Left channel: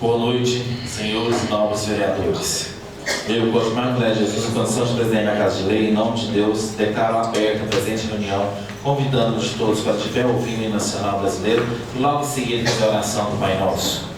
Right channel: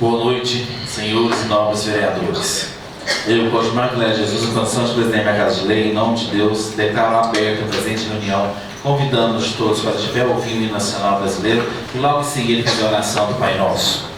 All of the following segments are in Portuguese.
Boa noite, senhores e novos vereadores. Eu, Cosmar Cléber Jesus, em condição de presidente da Casa de Lei, em nome de Deus, declaro aberta a presente reunião, convidando-nos todos para estiver ouvindo o hino nacional brasileiro e logo em seguida fazer a oração do Pai Nosso.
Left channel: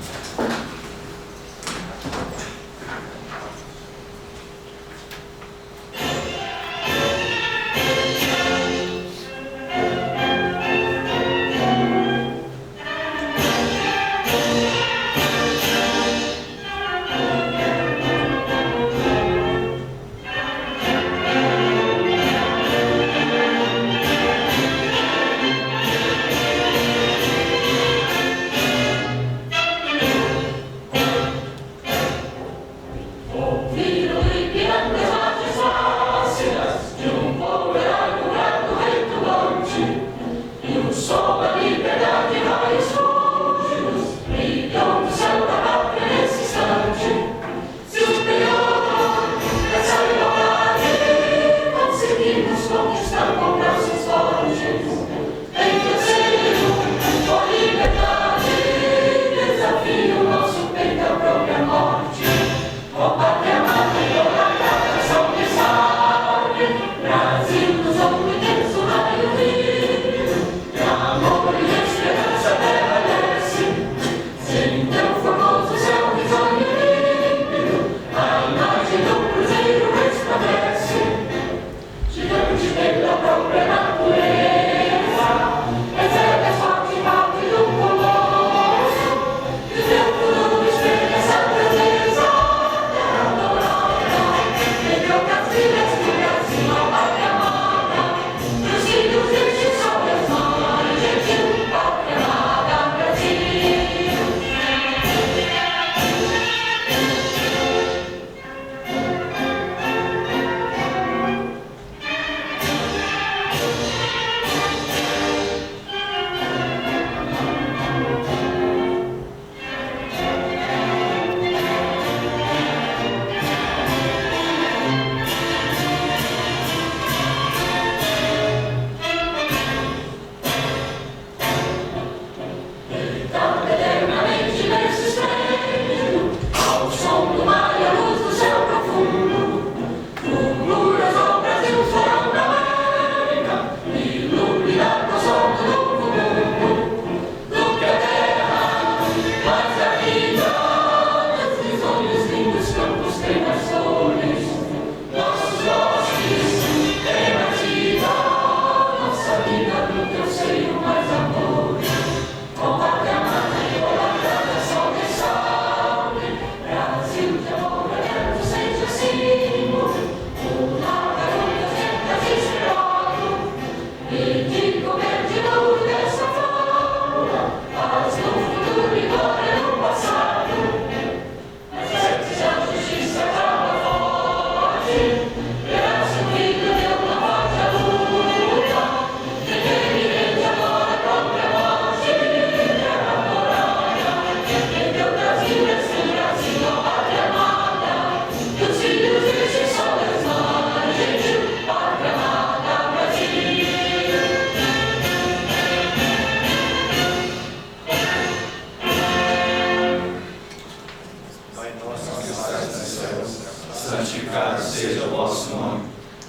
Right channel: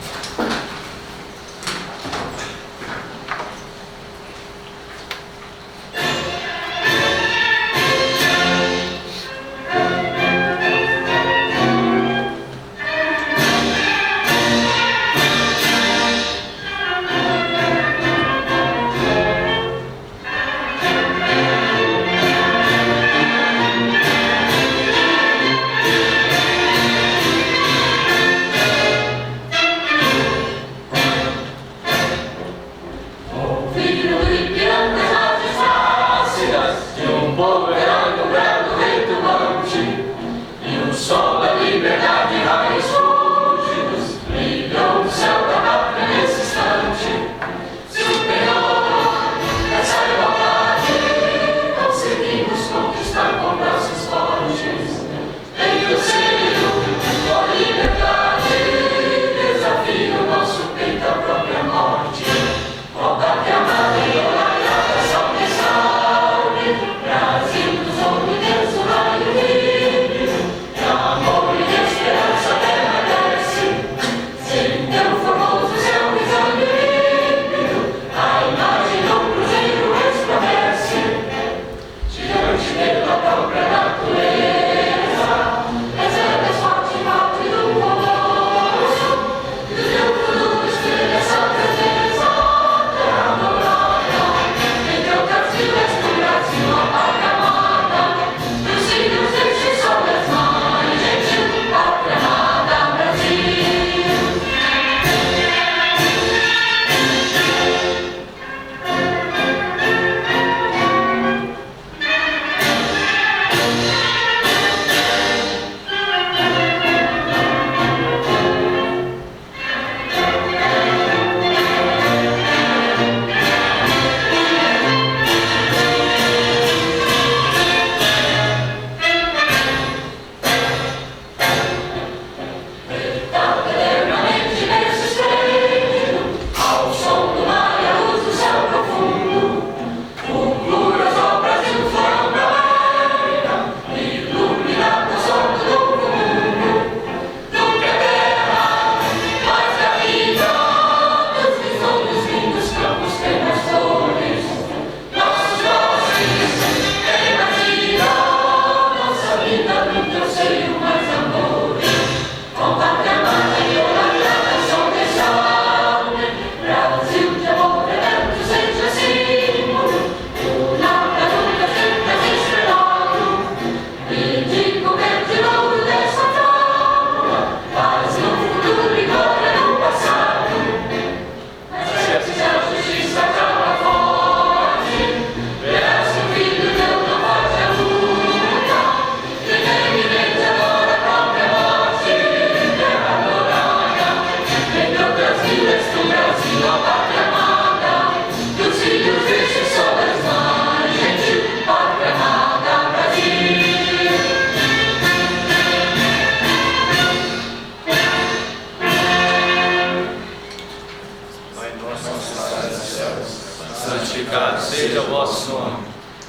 santificado seja o vosso nome.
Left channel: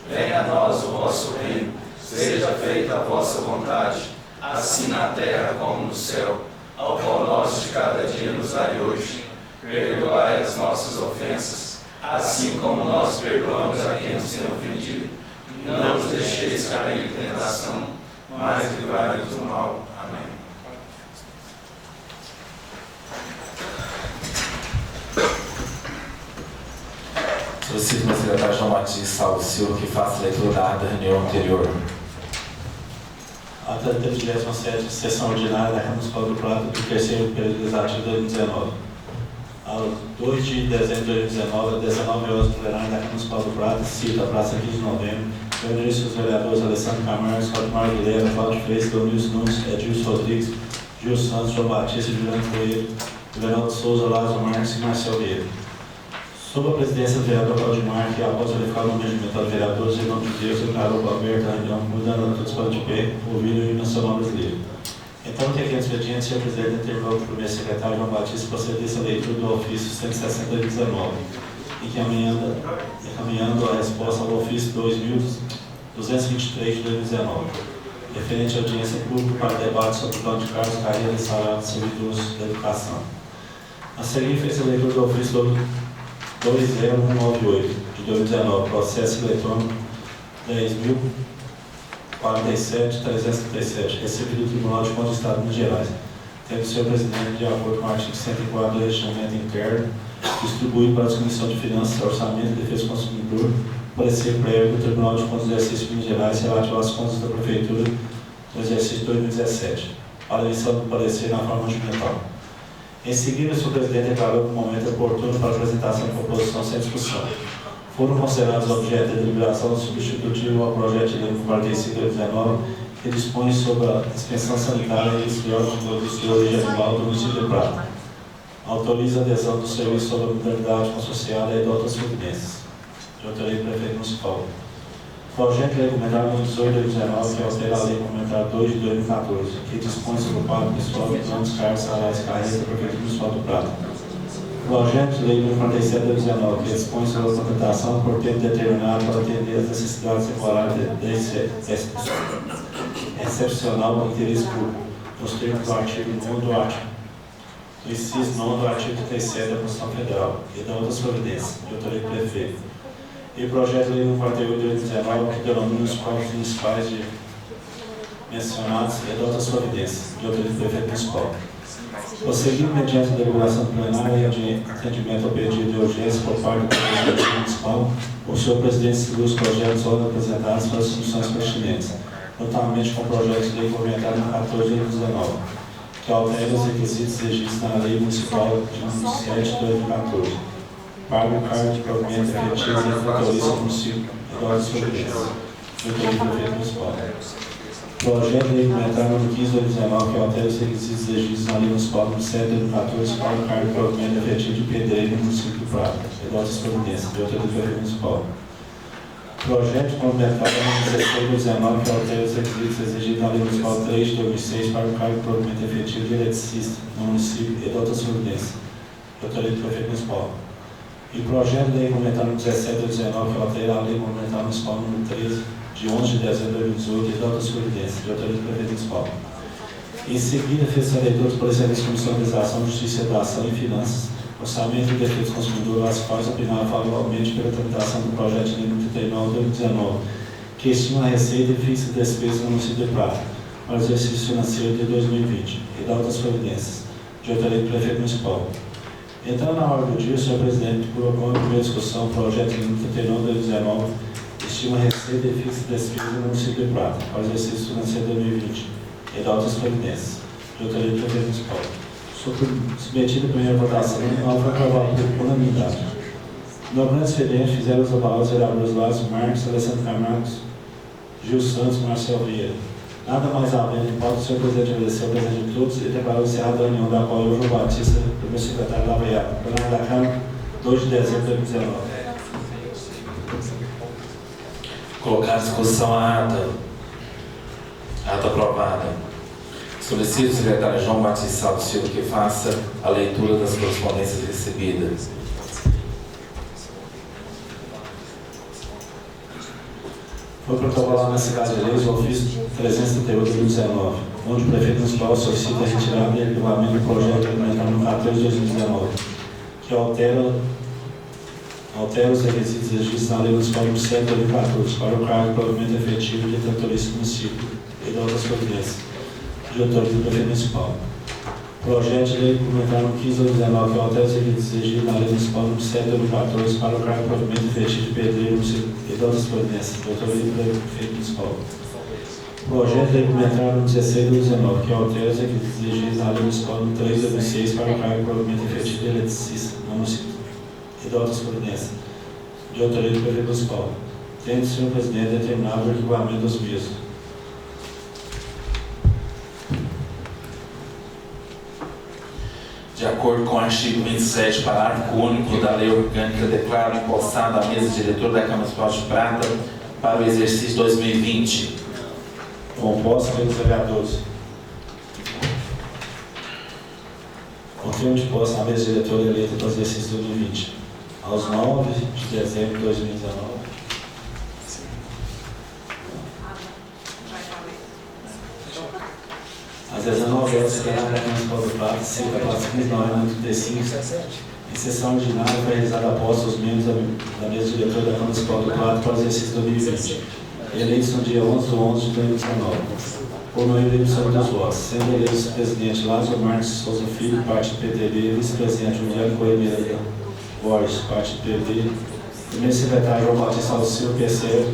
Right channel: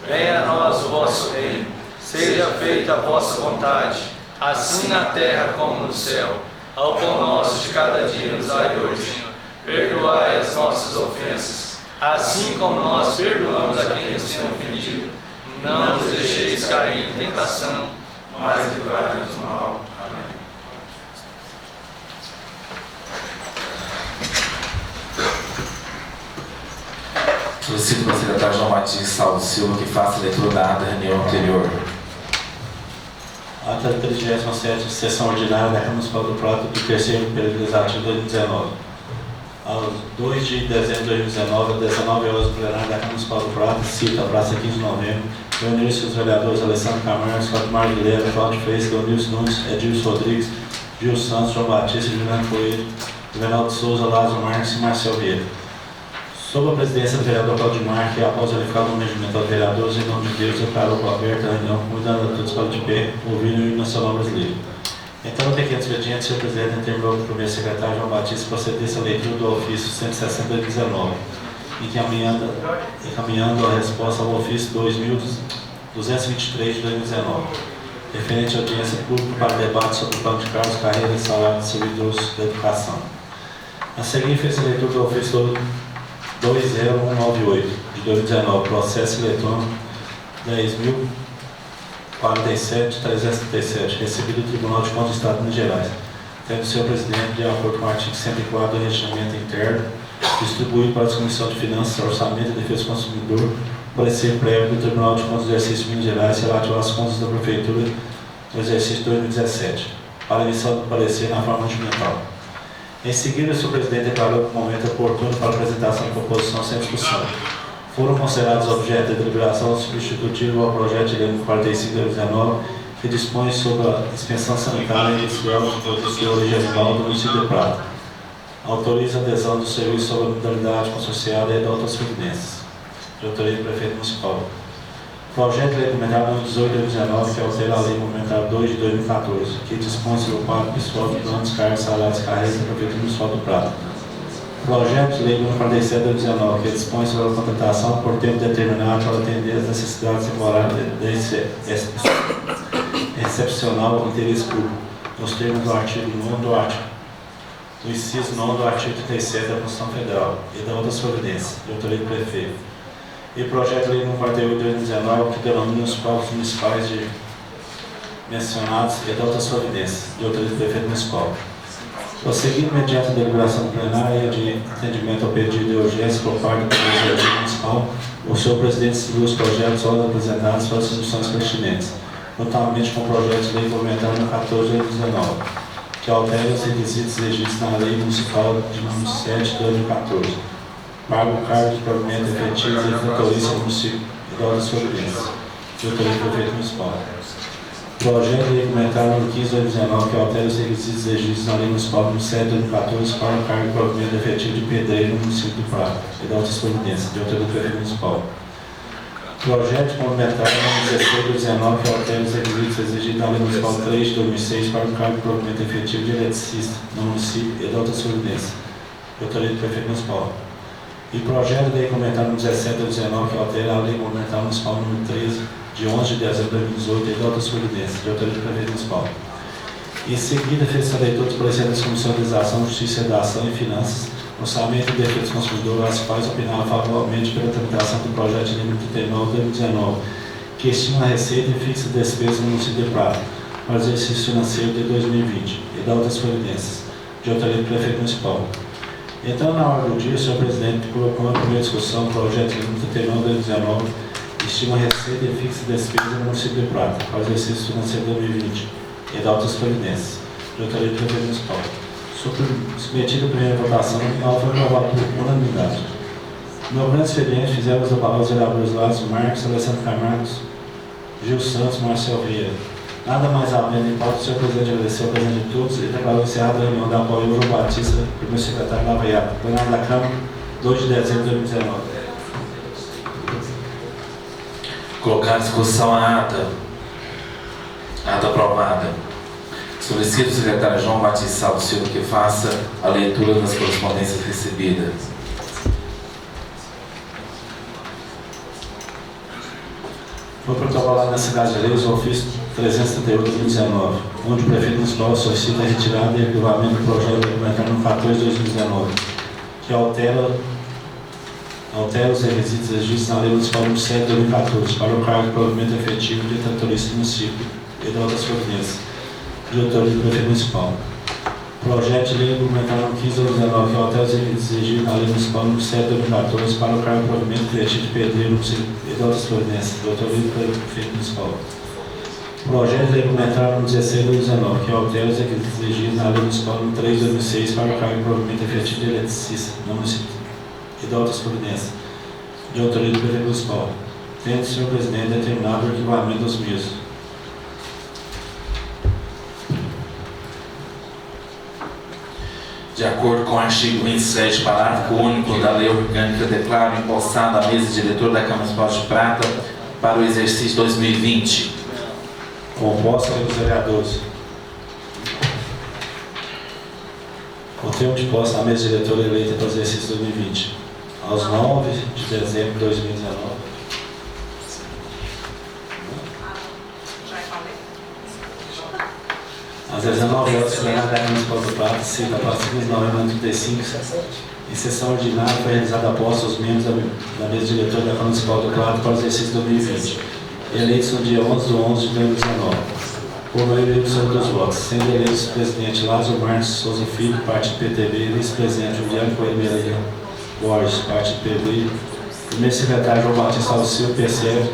Venha a nós o vosso reino. Seja feita a vossa vontade, assim na terra como no céu. Ao pão nosso de cada dia nos dai hoje. Perdoai as nossas ofensas, assim como nós perdoamos a quem nos tem ofendido. Não nos deixeis cair em tentação, mas livrai-nos do mal. Amém. Solicito ao secretário João Batista Saulo Silva que faça a leitura da ata da reunião anterior. Ata da 37ª sessão ordinária da Câmara Municipal do Prata do terceiro período legislativo de 2019. Aos 2 de dezembro de 2019, às 19 horas, plenário da Câmara Municipal do Prata, cita a Praça 15 de Novembro, reuniram-se os vereadores Alessandro Camargo, Cláudio Guilherme, Cláudio Fresca, Leonilson Nunes, Edilson Rodrigues, Gil Santos, João Batista, Juliano Coelho, Everaldo Souza, Lázaro Marques e Marcel Vieira. Sob a presidência do vereador Cláudio Marques, após verificar o nome regimental de vereadores, em nome de Deus, declarou aberta a reunião, convidando a todos para de pé, ouvindo o hino nacional brasileiro. Então, no pequeno expediente, o senhor presidente determinou que o primeiro secretário João Batista procedesse à leitura do ofício 160/19, encaminhando a resposta ao ofício 2.223 de 2019, referente à audiência pública para debate sobre o plano de cargos, carreira e salário de servidores da educação. A seguir, fez a leitura do ofício 20198 de 2019, processo eletrônico 10.047.337, recebido do Tribunal de Contas do Estado de Minas Gerais, tendo o senhor presidente, de acordo com o artigo 104 do Regimento Interno, distribuído para a Comissão de Finanças, Orçamento e Defesa do Consumidor, parecer prévio do Tribunal de Contas do Exercício de Minas Gerais relativo às contas da Prefeitura do exercício de 2017, para emissão do parecer na forma regimental. Em seguida, o senhor presidente declarou que o momento oportuno para a apresentação de proposição sem discussão. Foram considerados objeto de deliberação substitutivo ao projeto de lei 45/2019, que dispõe sobre a dispensão sanitária e industrial de produtos de origem animal do município de Prata. Autoriza a adesão do serviço sobre a modalidade consorciada e adota as providências. De autoria do prefeito municipal. Projeto de lei complementar número 18/2019, que altera a lei complementar 2 de 2014, que dispõe sobre o quadro pessoal de planos, cargos, salários e carreiras da Prefeitura Municipal do Prata. Projeto de lei número 47/2019, que dispõe sobre a contratação por tempo determinado para atender às necessidades temporárias excepcional do interesse público, nos termos do artigo 9 do inciso 9 do artigo 37 da Constituição Federal e da outras providências, de autoria do prefeito. E projeto de lei número 48/2019, que denomina os próprios municipais mencionados e da outras providências, de autoria do prefeito municipal. Prosseguindo mediante a deliberação plenária e de atendimento ao pedido de urgência por parte do Presidente Municipal, o senhor presidente seguiu os projetos apresentados para as instituições pertinentes, notadamente com o projeto de lei complementar no 14/2019, que altera os requisitos exigidos na Lei Municipal de número 7 de 2014, paga o cargo de provimento efetivo e tratorista do município e da outras providências, de autoria do prefeito municipal. Projeto de lei complementar número 15/2019, que altera os requisitos exigidos na Lei Municipal número 7 de 2014 para o cargo de provimento efetivo de pedreiro no município de Prata e da outras providências, de autoria do prefeito municipal. Projeto complementar número 16/2019, que altera os requisitos exigidos na Lei Municipal 3 de 2006 para o cargo de provimento efetivo de eletricista no município e da outras providências, de autoria do prefeito municipal. E projeto de lei complementar número 17/2019, que altera a Lei Complementar Municipal número 13, de 11 de dezembro de 2018 e de outras providências, de autoria do prefeito municipal. Em seguida, fez a leitura dos pareceres das Comissões de Legislação, Justiça, Redação e Finanças, Orçamento e Defesa do Consumidor, as quais opinaram favoravelmente pela tramitação do projeto de lei 39/2019, que estima a receita e fixa despesa no município de Prata para o exercício financeiro de 2020 e de outras providências, de autoria do prefeito municipal. Então, na hora do dia, o senhor presidente colocou na primeira discussão o projeto de lei 39/2019, estima receita e fixa despesa no município de Prata para o exercício financeiro de 2020 e de outras providências, de autoria do prefeito municipal. Submetido a primeira votação, não foi aprovado por unanimidade. No grande expediente, fizemos avalar os vereadores Lázaro Marques, Alessandro Camargo, Gil Santos, Marcel Vieira. Nada mais havendo em pauta, o senhor presidente agradeceu a presença de todos e declarou encerrada a reunião da qual eu, João Batista, primeiro secretário da AVEA, plenário da Câmara, 2 de dezembro de 2019. Colocar à discussão a ata. Ata aprovada. Solicito o secretário João Batista Salvo Silva que faça a leitura das correspondências recebidas. Foi protocolado na cidade de Leis o ofício 338/2019, onde o prefeito municipal solicita a retirada e arquivamento do projeto implementado no 14/2019, que altera os requisitos exigidos na Lei Municipal número 7 de 2014 para o cargo de provimento efetivo de tratorista do município e de outras providências, de autoria do prefeito municipal. Projeto de lei complementar número 15/2019, que altera os requisitos exigidos na Lei Municipal número 7 de 2014 para o cargo de provimento efetivo de pedreiro no município e de outras providências, de autoria do prefeito municipal. Projeto de lei complementar número 16/2019, que altera os requisitos exigidos na Lei Municipal número 3 de 2006 para o cargo de provimento efetivo de eletricista no município e de outras providências, de autoria do prefeito municipal, tendo o senhor presidente determinado o arquivamento dos mesmos. De acordo com o artigo 27, parágrafo único da Lei Orgânica, declaro empossada a mesa diretora da Câmara Municipal de Prata para o exercício 2020. Composta pelos vereadores termo de posse na mesa diretora eleita para o exercício 2020, aos 9 de dezembro de 2019. Às 19 horas, plenário da Câmara Municipal do Prata, cita a praça 1935, em sessão ordinária, foi realizada a posse dos membros da mesa diretora da Câmara Municipal do Prata para o exercício 2020, eleitos no dia 11 de 11 de 2019, por maioria absoluta dos votos, sendo eleitos o presidente Lázaro Marques Souza Filho, partido PTB, vice-presidente Juliano Coelho Borges, partido PB, primeiro secretário João Batista Alceu, PCF,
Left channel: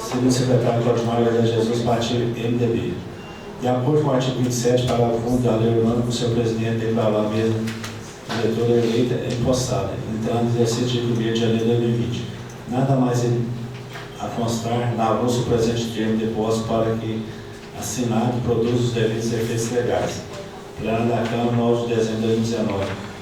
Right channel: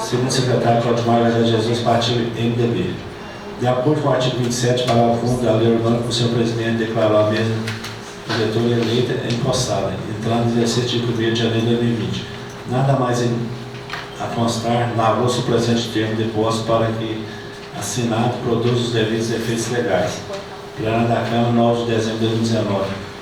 segundo secretário Claudimar Maria Jesus, partido MDB. De acordo com o artigo 27, parágrafo 1 da Lei Orgânica, o seu presidente declarou a mesa diretora eleita empossada, entrando em exercício de 1º de janeiro de 2020. Nada mais a constar, lavou-se o presente termo de posse para que assinado produza os devidos efeitos legais. Plenário da Câmara, 9 de dezembro de 2019.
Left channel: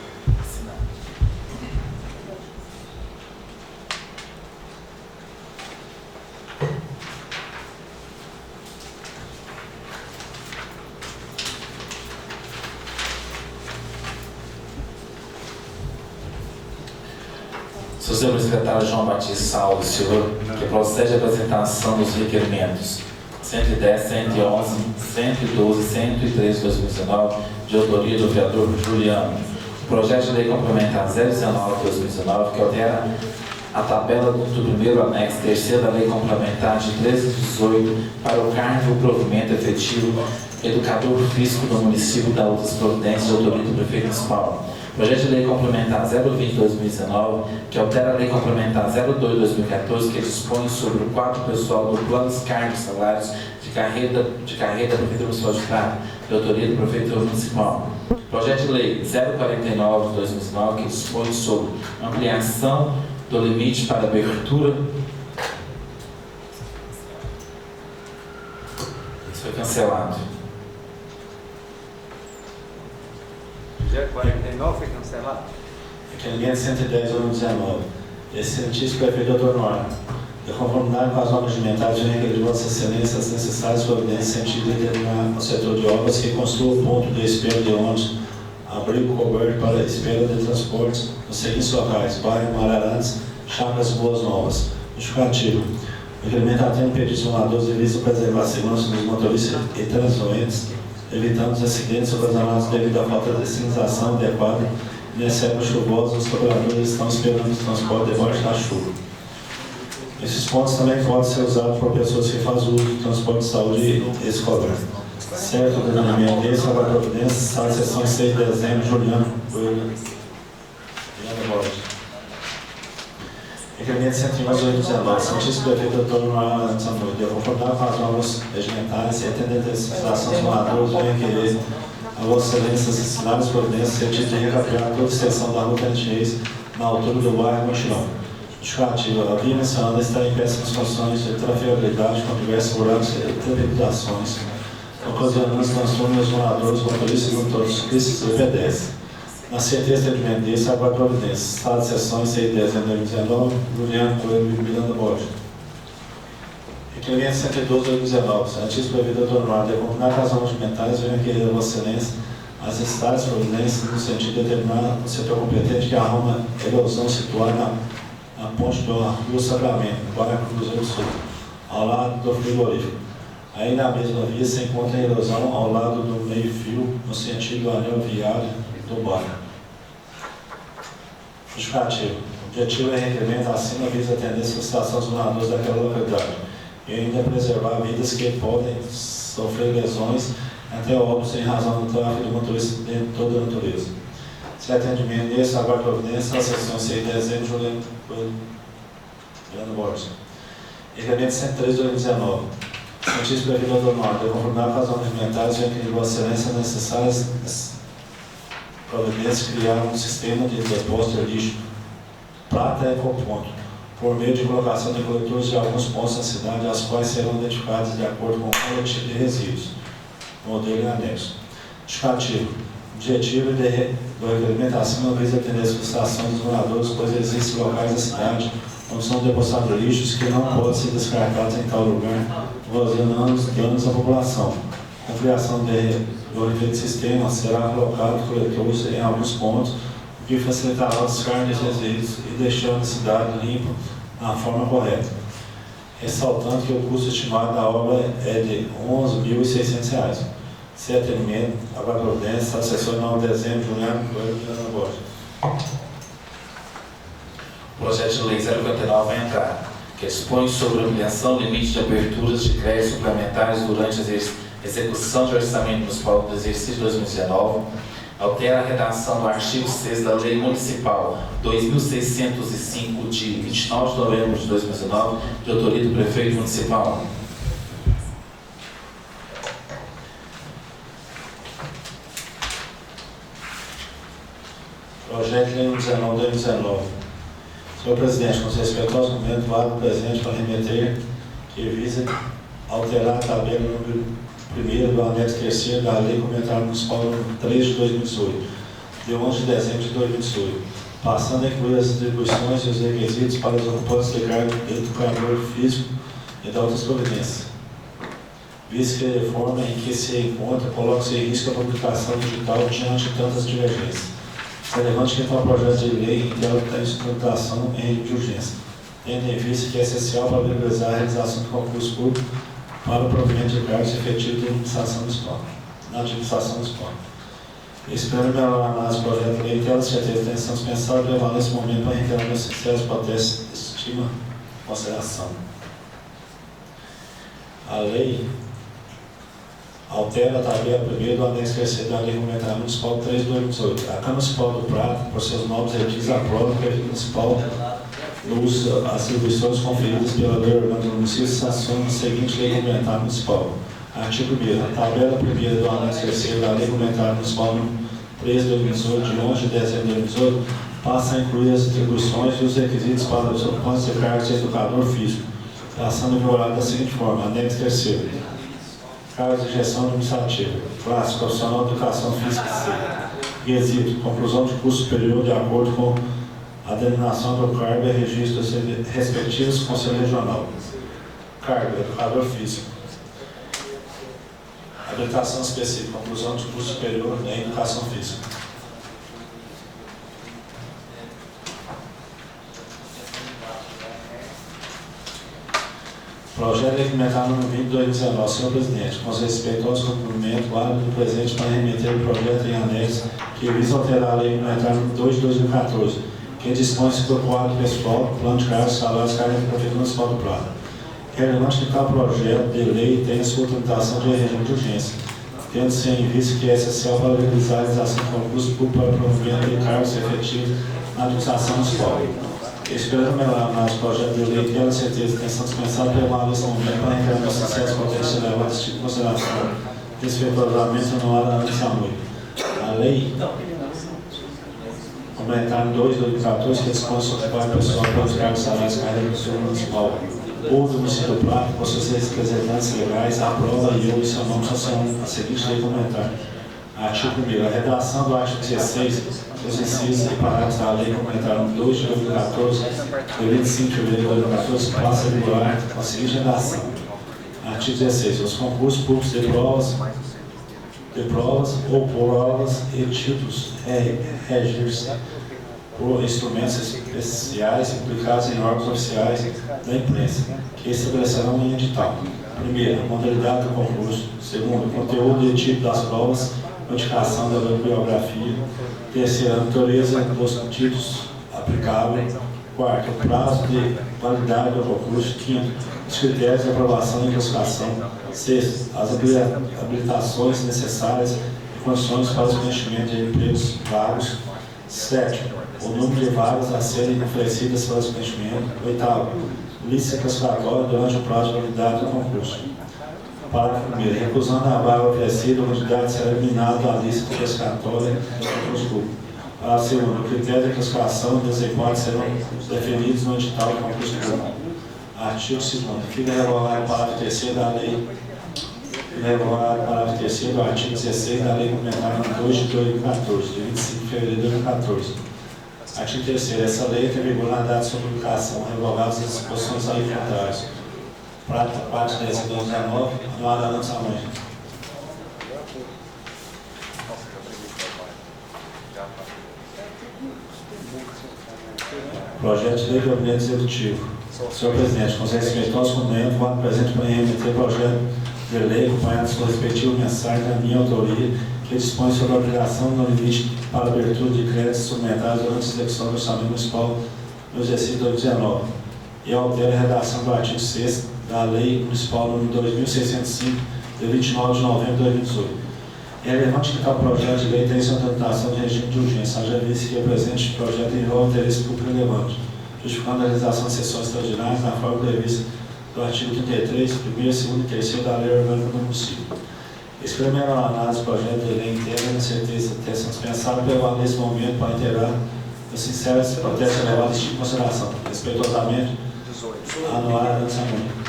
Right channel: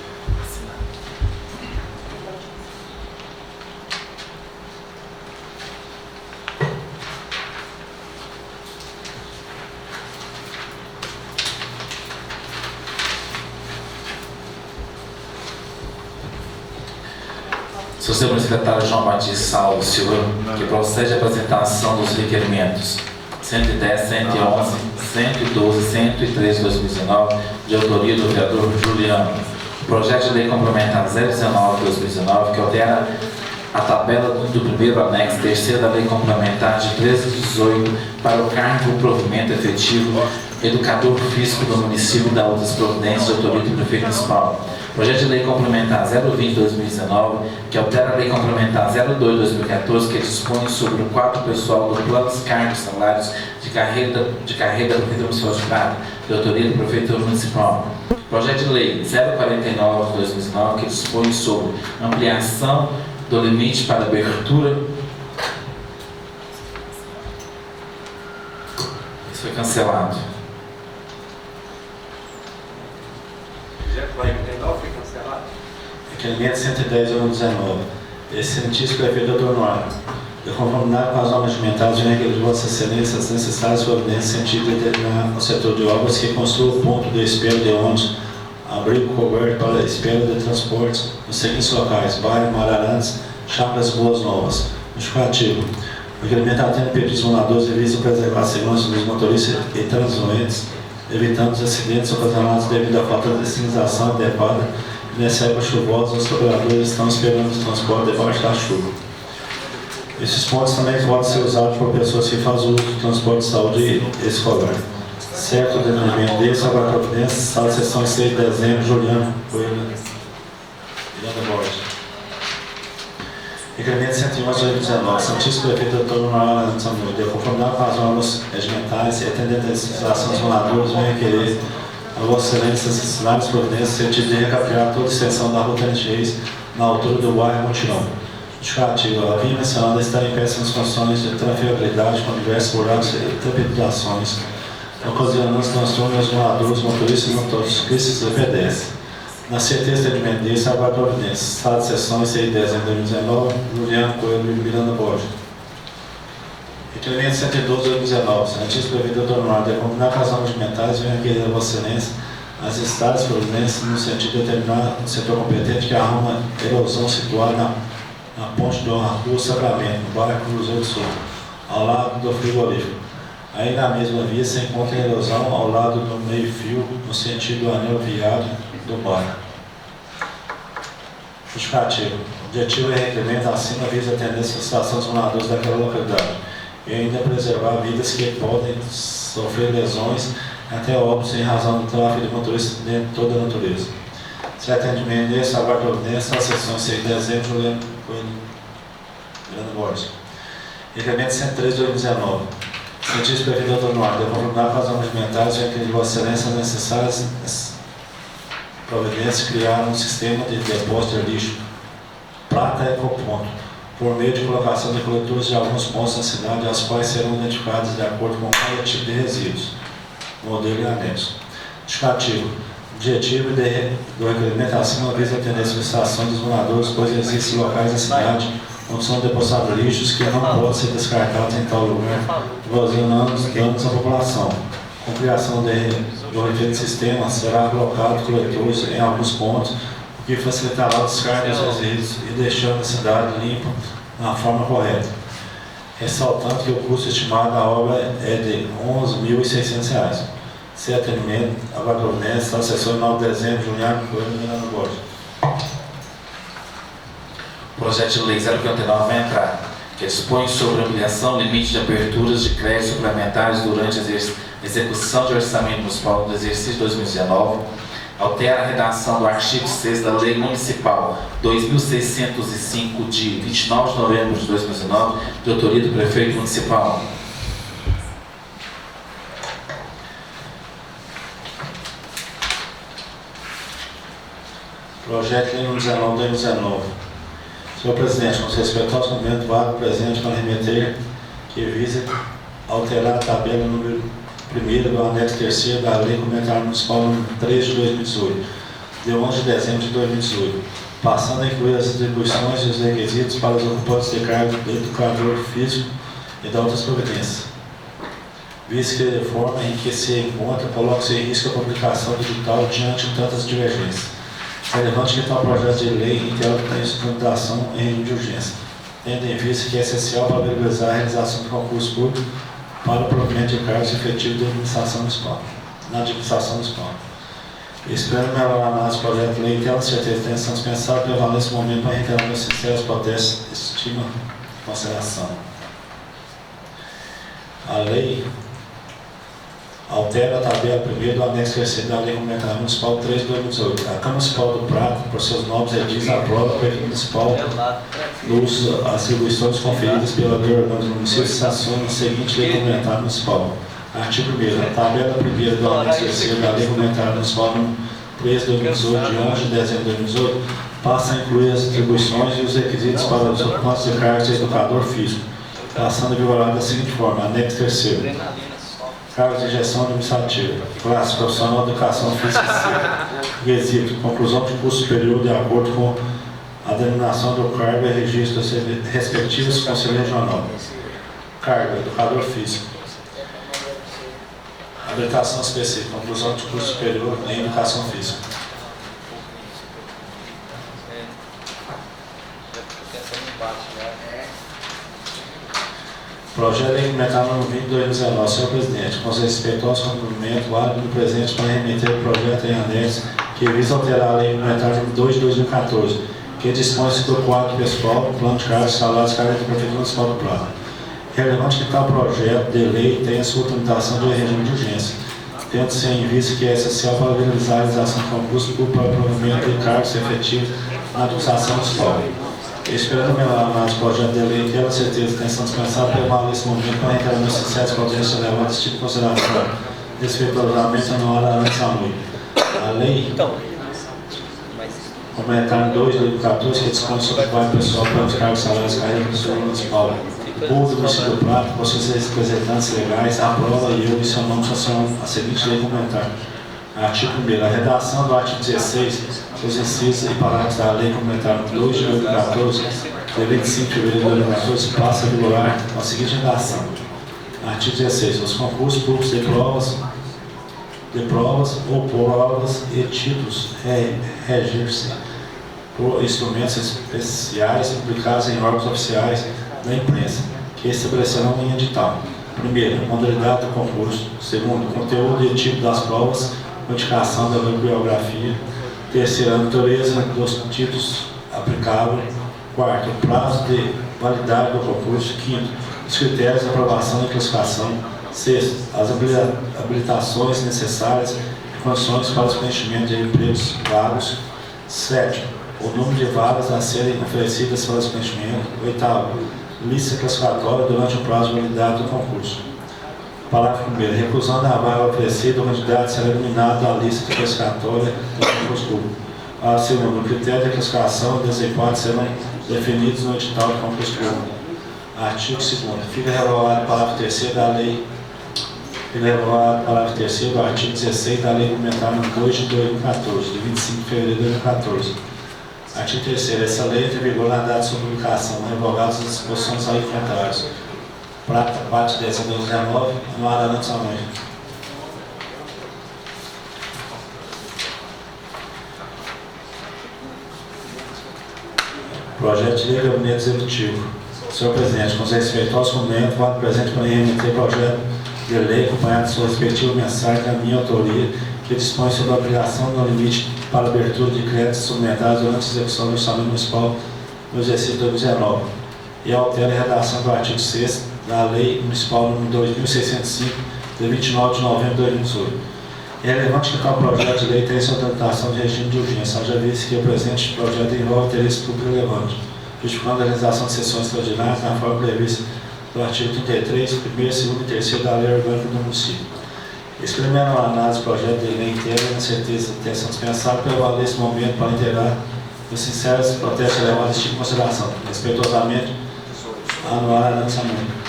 Seu senhor secretário João Batista Salvo Silva, que procede à apresentação dos requerimentos 110, 111, 112, 113 de 2019, de autoria do vereador Juliano. O projeto de lei complementar 019 de 2019, que altera a tabela do primeiro anexo terceiro da lei complementar de 13 de 18 para o cargo de provimento efetivo educador físico do município da outras providências de autoria do prefeito municipal. Projeto de lei complementar 020 de 2019, que altera a lei complementar 02 de 2014, que dispõe sobre o quadro pessoal do plano dos cargos e salários de carreira da Prefeitura Municipal de Prata, de autoria do prefeito municipal. Projeto de lei 049 de 2019, que dispõe sobre ampliação do limite para abertura. Isso foi cancelado. Projeto 49 foi cancelado. Requerimento 110 de 2019. Excelentíssimo prefeito Dr. Noara, de conformidade com as normas regimentares, vem requerer de Vossa Excelência as necessárias providências no sentido de determinar o setor de obras que construa o ponto de espera de ônibus, abrigo coberto para espera de transportes nos seguintes locais: bairro Mararantes, Chácaras e Boas Novas. Justificativo. O requerimento atende pedidos moradores e visa preservar a segurança dos motoristas e transeuntes, evitando os acidentes ocasionados devido à falta de sinalização adequada. Nessa época chuvosa, os trabalhadores estão esperando o transporte debaixo da chuva. Esses pontos também podem ser usados por pessoas que fazem uso do transporte de saúde escolar. Certo, denominamento desse, Salva Providência, Estado de Sessão 6 de dezembro, Juliano Borges. Requerimento 111 de 2019, Santíssimo Prefeito Dr. Noara Samuel, de conformidade com as normas regimentais e atendendo a legislação dos moradores, vem requerer a Vossa Excelência as necessárias providências no sentido de recapear toda a extensão da Rua 36 na altura do bairro Montirão. Justificativo. A via mencionada está em péssimas condições de trafegabilidade com diversos buracos e trepidações, ocasionando transtornos aos moradores, motoristas, motociclistas e pedestres. Na certeza de atendimento disso, aguardo providência. Estado de sessão 6 de dezembro de 2019, Juliano Coelho e Miranda Borges. Requerimento 112 de 2019, Santíssimo Prefeito Dr. Noara, de combinar com as normas regimentais, vem requerer a Vossa Excelência as necessárias providências no sentido de determinar o setor competente que arruma a erosão situada na ponte do Rua Sacramento, no bairro Cruzeiro do Sul, ao lado do frigorífico. Aí na mesma via se encontra a erosão ao lado do meio-fio, no sentido do anel viário do bairro. Justificativo. O objetivo é requerimento acima visa atender a solicitação dos moradores daquela localidade e ainda preservar vidas que podem sofrer lesões até óbitos em razão do tráfego de motoristas de toda a natureza. Se atendimento nesse, aguardo providência, na sessão 6 de dezembro, Juliano Coelho Borges. Requerimento 113 de 2019. Santíssimo Prefeito Dr. Noara, de conformidade com as normas regimentais, vem requerer de Vossa Excelência as necessárias providências criar um sistema de depósito de lixo Prata Ecoponto, por meio de colocação de coletores de alguns pontos da cidade, as quais serão identificados de acordo com o coletivo de resíduos, modelo e anexo. Justificativo. Objetivo do requerimento acima visa atender a solicitação dos moradores, pois existem locais da cidade onde são depositados lixos que não podem ser descartados em tal lugar, ocasionando danos à população. Com a criação do referido sistema, será colocado coletores em alguns pontos que facilitará o descarte dos resíduos e deixando a cidade limpa na forma correta. Ressaltando que o custo estimado da obra é de R$ 11.600. Sem atendimento, a Providência, assessor 9 de dezembro, Juliano Coelho, Miranda Borges. O projeto de lei 059 vai entrar, que dispõe sobre a ampliação do limite de aberturas de créditos suplementares durante a execução de orçamento municipal do exercício 2019, altera a redação do artigo 6 da Lei Municipal 2.605, de 29 de novembro de 2019, de autoria do Prefeito Municipal. Projeto de lei 19/2019. Senhor Presidente, com respeitoso momento, vago presente para remeter que visa alterar a tabela número 1º do anexo 3º da Lei Complementar Municipal número 3 de 2018, de 11 de dezembro de 2018, passando a incluir as atribuições e os requisitos para os ocupantes de cargo do educador físico e da outras providências. Visto que a reforma em que se encontra coloca-se em risco a publicação digital diante de tantas divergências. Relevante que tal projeto de lei integra a estruturação em regime de urgência, tendo em vista que é essencial para viabilizar a realização de concurso público para o provimento de cargos efetivos da administração municipal. Esperando melhorar a análise do projeto de lei, tendo certeza da intenção dispensável de levar nesse momento para reiterar meus sinceros protestos, estima e consideração. A lei altera a tabela 1ª do anexo 3º da Lei Complementar Municipal 3 de 2018. A Câmara Municipal do Prata, por seus novos requisitos, aprova o Prefeito Municipal as atribuições conferidas pela lei orgânica do município e sanciona a seguinte Lei Complementar Municipal. Artigo 1º. A tabela 1ª do anexo 3º da Lei Complementar Municipal 3 de 2018, de 11 de dezembro de 2018, passa a incluir as atribuições e os requisitos para os ocupantes de cargos de educador físico, passando a vigorar da seguinte forma: anexo 3º. Cargos de gestão administrativa, classe profissional de educação física C. Requisito: conclusão de curso superior de acordo com a denominação do cargo e registro dos respectivos conselhos regional. Cargo: educador físico. Habilitação específica: conclusão de curso superior em educação física. Projeto de implementar no 20/2019. Senhor Presidente, com respeito aos cumprimentos, válido do presente para remeter o projeto em anexo que visa alterar a Lei Complementar número 2 de 2014, que dispõe sobre o quadro pessoal, plano de cargos, salários, cargos da Prefeitura Municipal do Prata. Relevante que tal projeto de lei tenha sua tramitação de regime de urgência, tendo-se em vista que é essencial para viabilizar a realização de concurso público para o provimento de cargos efetivos na administração municipal. Esperando melhorar mais o projeto de lei, tendo certeza que a intenção dispensável levar nesse momento para reiterar meus sinceros protestos levar esse tipo de consideração respeito ao regulamento anual da ANEL. A lei complementar 2 de 2014, que dispõe sobre o quadro pessoal para os cargos salários carreiras da Prefeitura Municipal. O povo do município do Prata, com seus representantes legais, aprova e eu e seu nome sancionam a seguinte lei complementar. Artigo 1º. A redação do artigo 16, os incisos e parágrafos da Lei Complementar 2 de 2014, de 25 de fevereiro de 2014, passa a vigorar com a seguinte redação. Artigo 16. Os concursos públicos de provas ou provas e títulos regem-se por instrumentos especiais publicados em órgãos oficiais da imprensa, que estabelecerão em edital. Primeiro, a modalidade do concurso. Segundo, o conteúdo e tipo das provas, modificação da bibliografia. Terceiro, a natureza dos títulos aplicáveis. Quarto, o prazo de validade do concurso. Quinto, os critérios de aprovação e classificação. Sexto, as habilitações necessárias e condições para os preenchimentos de empregos vagos. Sétimo, o número de vagas a serem oferecidas para os preenchimentos. Oitavo, lista classificatória durante o prazo de validade do concurso. Parágrafo 1º. Recusando a vaga oferecida, o candidato será eliminado da lista classificatória do concurso público. Parágrafo 2º. O critério de classificação e desempenho serão definidos no edital do concurso público. Artigo 2º. Fica revogado o parágrafo 3º da lei. Fica revogado o parágrafo 3º do artigo 16 da Lei Complementar número 2 de 2014, de 25 de fevereiro de 2014. Artigo 3º. Essa lei entra em vigor na data de sua publicação, revogadas as disposições aí contrárias. Prata, 4 de dezembro de 2019, no ar da lançamento. Projeto de lei do gabinete executivo. Senhor Presidente, com conhecimento aos documentos, quando presente para remeter projeto de lei acompanhado de sua respectiva mensagem da minha autoria, que dispõe sobre a obrigação no limite para abertura de créditos suplementares durante a execução do orçamento municipal no exercício 2019 e altera a redação do artigo 6º da Lei Municipal nº 2.605, de 29 de novembro de 2018. É relevante que tal projeto de lei tenha sua tramitação de regime de urgência, haja visto que o presente projeto envolve interesse público relevante, justificando a realização de sessões extraordinárias na forma prevista do artigo 33, 1º, 2º e 3º da Lei Orgânica do Município. Experimentando a análise do projeto de lei inteira, na certeza de intenção dispensável, prevale nesse momento para inteirar os sinceros protestos elevados de tipo de consideração, respeitosamente, anular a lançamento.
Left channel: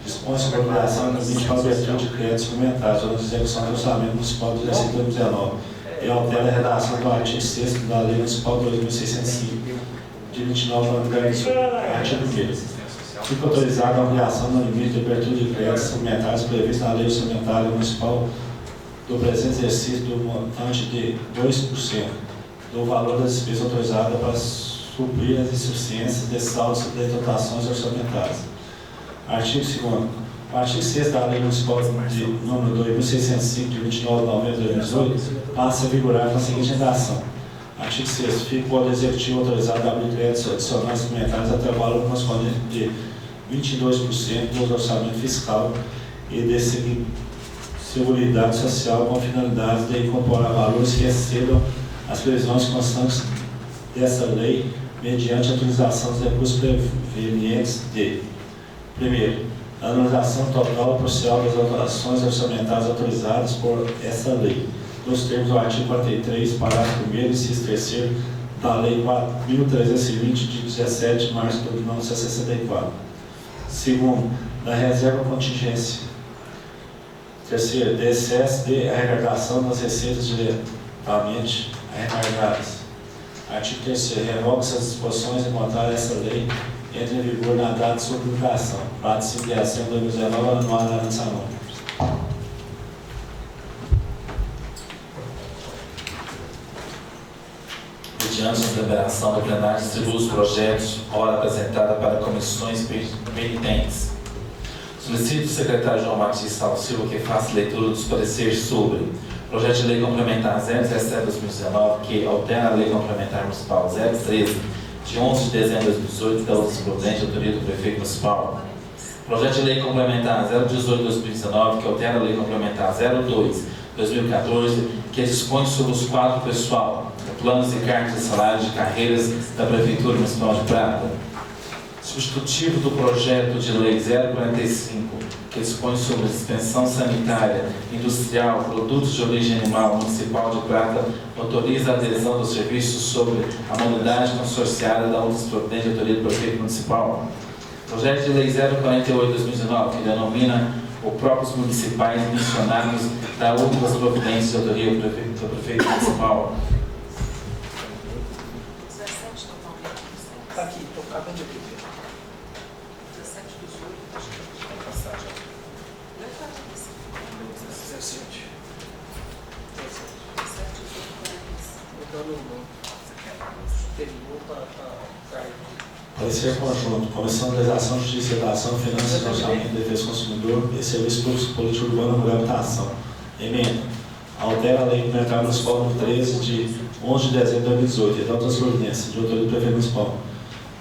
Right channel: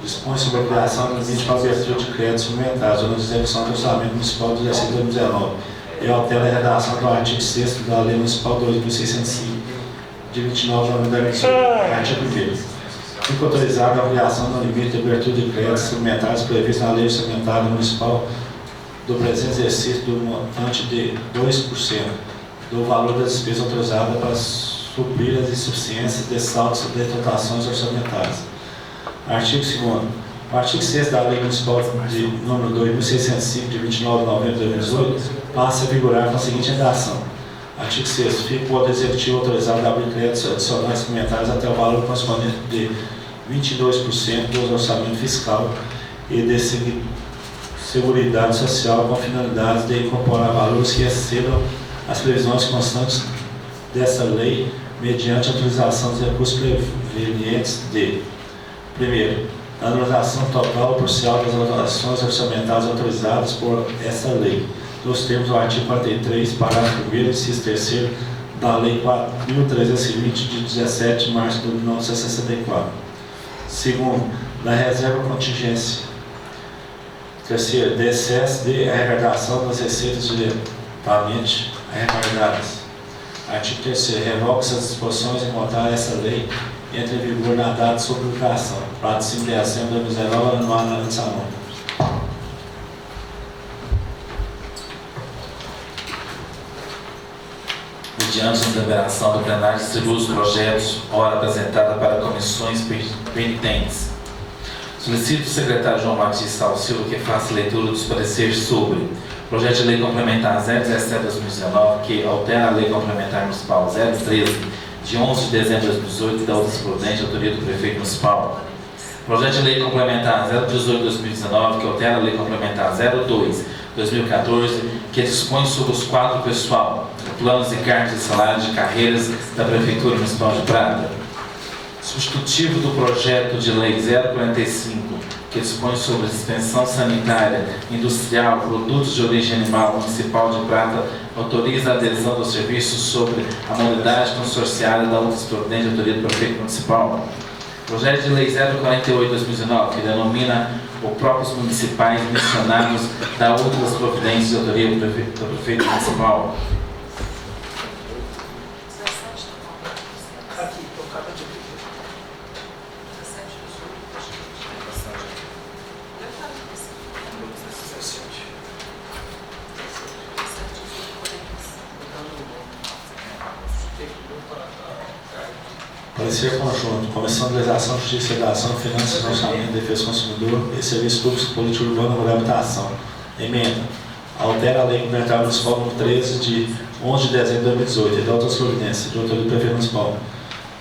Dispõe sobre a obrigação do limite para a abertura de créditos suplementares durante a execução do orçamento municipal do exercício 2019 e altera a redação do artigo 6º da Lei Municipal 2605, de 29 de novembro de 2018. Artigo 1º. Fica autorizada a ampliação no limite de abertura de créditos suplementares prevista na Lei Orçamentária Municipal do presente exercício do montante de 2% do valor da despesa autorizada para suprir as insuficiências de saldos de dotações orçamentárias. Artigo 2º. O artigo 6 da Lei Municipal de número 2.605, de 29 de novembro de 2018, passa a vigorar com a seguinte redação. Artigo 6º. Fica o Poder Executivo autorizado a abrir créditos adicionais suplementares até o valor correspondente de 22% do orçamento fiscal e de Seguridade Social com finalidade de incorporar valores que excedam as previsões constantes dessa lei mediante a utilização dos recursos provenientes de: primeiro, a anualização total ou parcial das ações orçamentárias autorizadas por essa lei, nos termos do artigo 43, parágrafo 1º, inciso 3º da Lei 4.320, de 17 de março de 1964. Segundo, da reserva contingência. Terceiro, de excesso de arrecadação das receitas diretamente arrecadadas. Artigo 3º. Revoga-se as disposições em contar essa lei entra em vigor na data de sua publicação, prazo de 5 de dezembro de 2019, anual na lançamento. Mediante a deliberação do plenário, distribui os projetos, ora apresentada para comissões penitentes. Solicito o secretário João Batista Salvo Silva que faça leitura dos pareceres sobre projeto de lei complementar 017/2019, que altera a lei complementar municipal 013, de 11 de dezembro de 2018, da outra prudente, autoria do prefeito municipal. Projeto de lei complementar 018/2019, que altera a lei complementar 02/2014, que dispõe sobre os quadros pessoal, planos e cartas de salário de carreiras da Prefeitura Municipal de Prata. Substitutivo do projeto de lei 045, que dispõe sobre a dispensão sanitária, industrial, produtos de origem animal municipal de Prata, autoriza a adesão dos serviços sobre a modalidade consorciada da outra prudente, autoria do prefeito municipal. Projeto de lei 048/2019, que denomina os próprios municipais mencionados da outras providências de autoria do prefeito municipal. Aqui, estou acabando de aqui. Parecer conjunto, Comissão de Legislação, Justiça, Redação, Finanças, Orçamento, Defesa do Consumidor e Serviços Públicos, Política Urbana, Mulher e Habitação. Emenda. Altera a Lei Complementar Municipal número 13, de 11 de dezembro de 2018, e da outras providências, de autoria do Prefeito Municipal.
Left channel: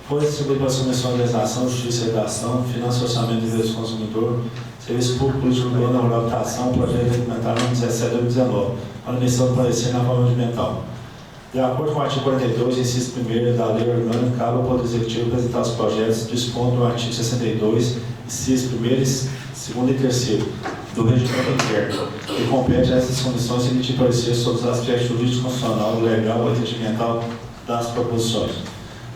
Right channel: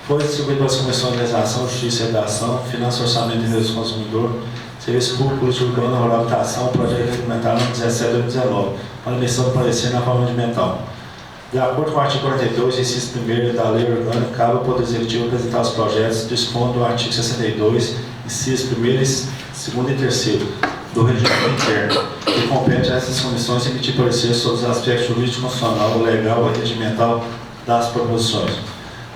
Foi distribuído para as Comissões de Legislação, Justiça, Redação, Finanças, Orçamento, Defesa do Consumidor, Serviço Público, Política Urbana, Mulher e Habitação, projeto complementar número 17 de 2019, para emissão do parecer na forma regimental. De acordo com o artigo 42, inciso 1º da Lei Orgânica, cabe ao Poder Executivo apresentar os projetos dispondo do artigo 62, inciso 1º, 2º e 3º do Regimento Interno, que compete a essas comissões emitir parecer sobre os aspectos jurídico, constitucional, legal e regimental das proposições.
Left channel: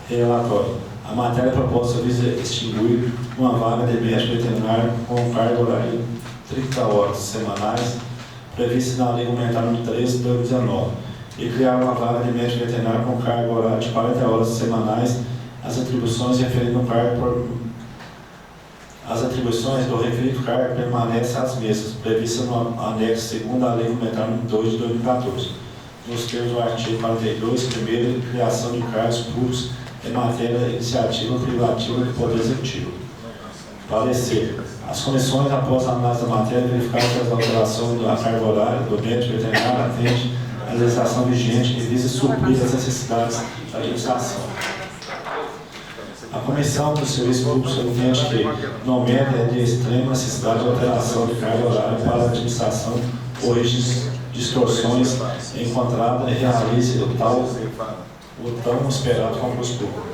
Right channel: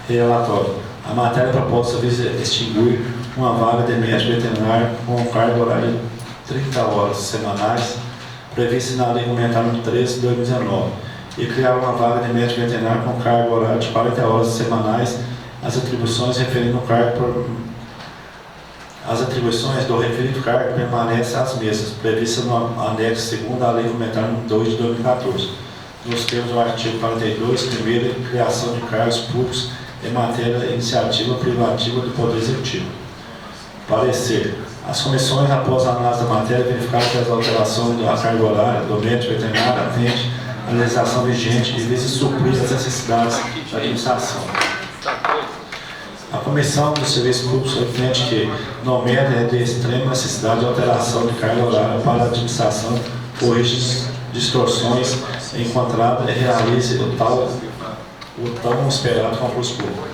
Relatório. A matéria proposta visa extinguir uma vaga de médico veterinário com carga horária de 30 horas semanais, prevista na Lei Complementar número 13 de 2019. E criar uma vaga de médico veterinário com carga horária de 40 horas semanais, as atribuições referindo ao cargo As atribuições do referido cargo permanecem as mesmas, previstas no anexo 2º da Lei Complementar nº 2 de 2014, nos termos do artigo 42, primeiro, de criação de cargos públicos em matéria de iniciativa privativa do Poder Executivo. Parecer. As comissões, após a análise da matéria, verificaram que as alterações da carga horária do médico veterinário atendem à legislação vigente e visa suprir as necessidades da administração. A Comissão dos Serviços Públicos entende que, no mérito, é de extrema necessidade de alteração de carga horária para a administração, corrige distorções encontradas e realize o tão esperado concurso público.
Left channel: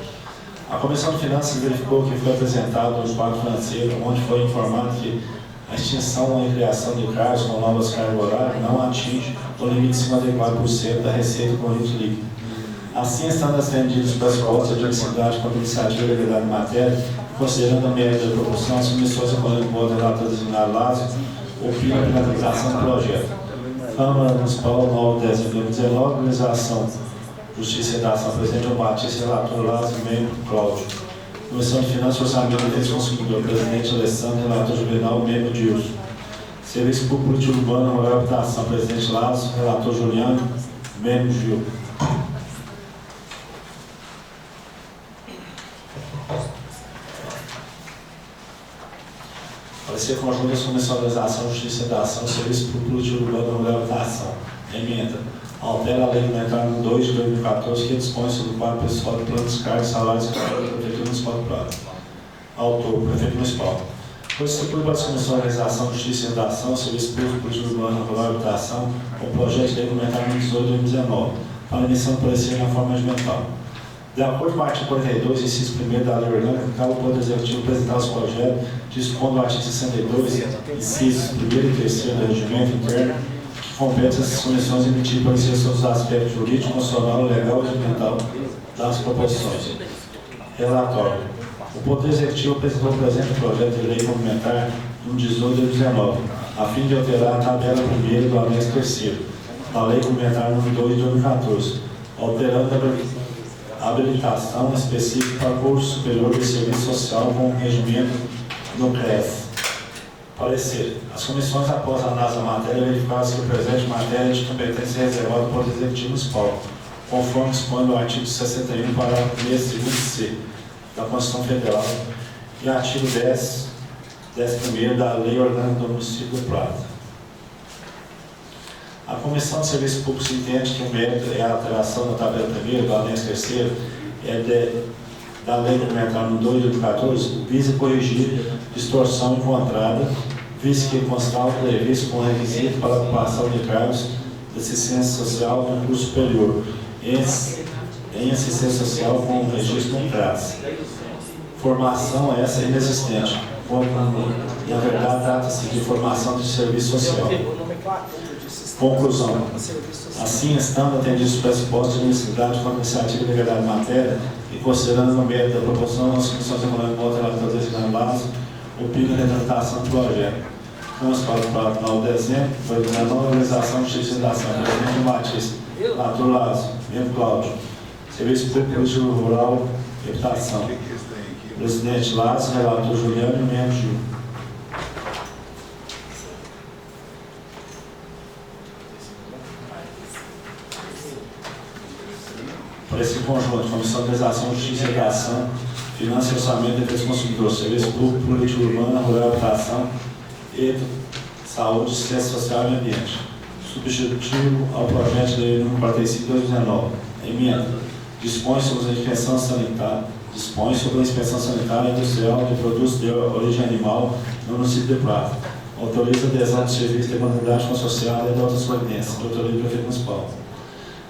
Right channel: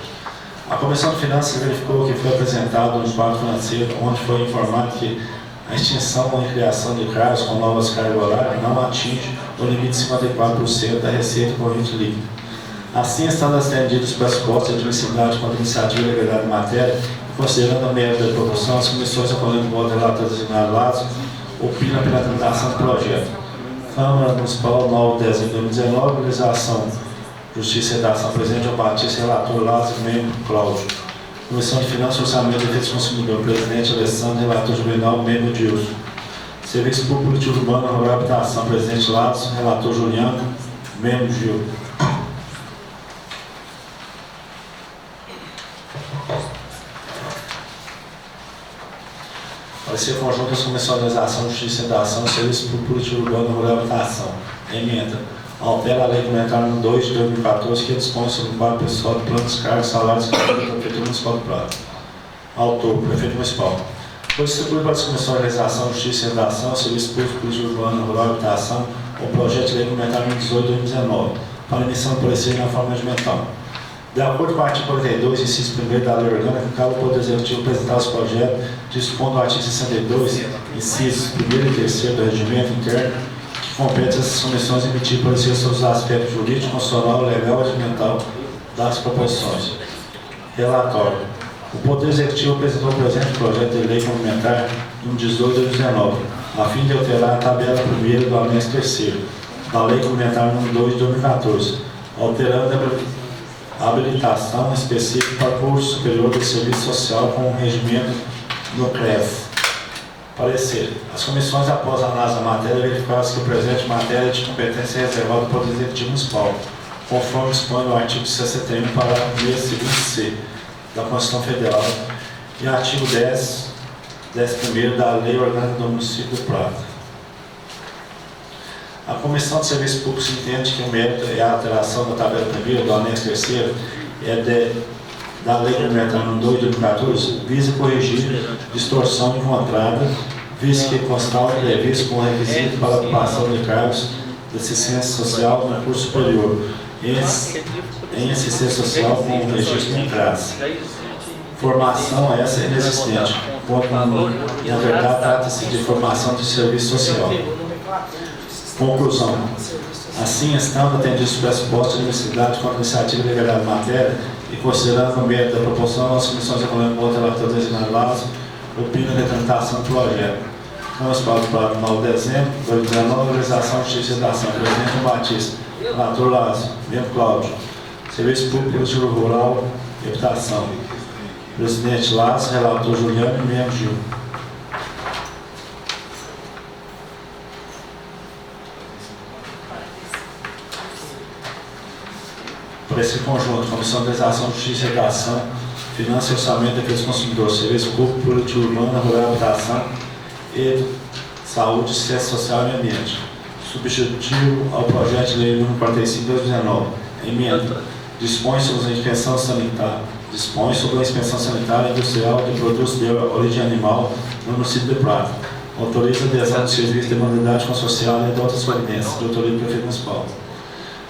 A Comissão de Finanças verificou que foi apresentado um quadro financeiro onde foi informado que a extinção e criação de cargos com novas cargas horárias não atinge o limite de 54% da receita corrente líquida. Assim, estando atendidos os pressupostos de admissibilidade quanto à iniciativa de legalidade de matéria, considerando a média da proporção, as comissões acolhendo o modo relator designado Lázaro opinam pela tramitação do projeto. Câmara Municipal, 9 de dezembro de 2019, Organização Justiça e Redação, presidente João Batista, relator Lázaro, membro Cláudio. Comissão de Finanças e Orçamento e Defesa do Consumidor, presidente Alessandro, relator Juvenal, membro Dilson. Serviço Público Político Urbano, Rural e Habitação, presidente Lázaro, relator Juliano, membro Gil. Parecer conjunto das Comissões de Organização, Justiça e Redação, Serviço Público Político Urbano, Rural e Habitação. Emenda. Altera a Lei Complementar nº 2 de 2014, que dispõe sobre o quadro pessoal de planos, cargos, salários e cargos da Prefeitura Municipal do Prado. Autor, Prefeito Municipal. Foi distribuído para as Comissões de Organização, Justiça e Redação, Serviço Público Político Urbano, Rural e Habitação, o projeto de Lei Complementar nº 18 de 2019, para emissão do parecer na forma regimental. De acordo com o artigo 42, inciso 1º da Lei Orgânica, cabe ao Poder Executivo apresentar os projetos, dispondo do artigo 62, incisos 1º e 3º do Regimento Interno, que compete essas comissões a emitir parecer sobre os aspectos jurídico, constitucional, legal e regimental das proposições. Relatório. O Poder Executivo apresentou o presente projeto de lei complementar no 18 de 2019, a fim de alterar a tabela 1ª do anexo 3º da Lei Complementar nº 2 de 2014, alterando a habilitação específica para o curso superior de serviço social com regimento no CREF. Parecer. As comissões, após a análise da matéria, verificaram que o presente matéria de competência é reservada ao Poder Executivo Municipal, conforme dispõe o artigo 61, parágrafo 3º da Constituição Federal e artigo 10º da Lei Orgânica do Município do Prado. A Comissão de Serviços Públicos entende que o mérito é a alteração da tabela 1ª do anexo 3º da Lei Complementar nº 2 de 2014, visa corrigir distorção encontrada, visto que constava previsto como requisito para a ocupação de cargos de assistência social no curso superior, em assistência social com o registro em classe. Formação essa inexistente, quando na verdade trata-se de formação de serviço social. Conclusão. Assim, estando atendidos os pressupostos de necessidade com a iniciativa de legalidade de matéria e considerando o mérito da proporção das comissões econômicas do relator designado Lázaro, opino na tramitação do projeto. Vamos para o prazo 9 de dezembro, 2019, Organização de Justiça e Redação, presidente João Batista, relator Lázaro, membro Cláudio, Serviço Público Político Rural e Habitação, presidente Lázaro, relator Juliano e membro Gil. Para esse conjunto, Comissão de Organização, Justiça e Redação, Finanças e Orçamento, Defesa do Consumidor, Serviço Público, Política Urbana, Rural e Habitação e Saúde, Assistência Social e Ambiente. Substitutivo ao projeto de lei nº 45 de 2019. Emenda. Dispõe sobre a inspeção sanitária e industrial de produtos de origem animal no município de Prata. Autoriza a adesão de serviços de modalidade consorcial e de outras providências, de autoria do Prefeito Municipal.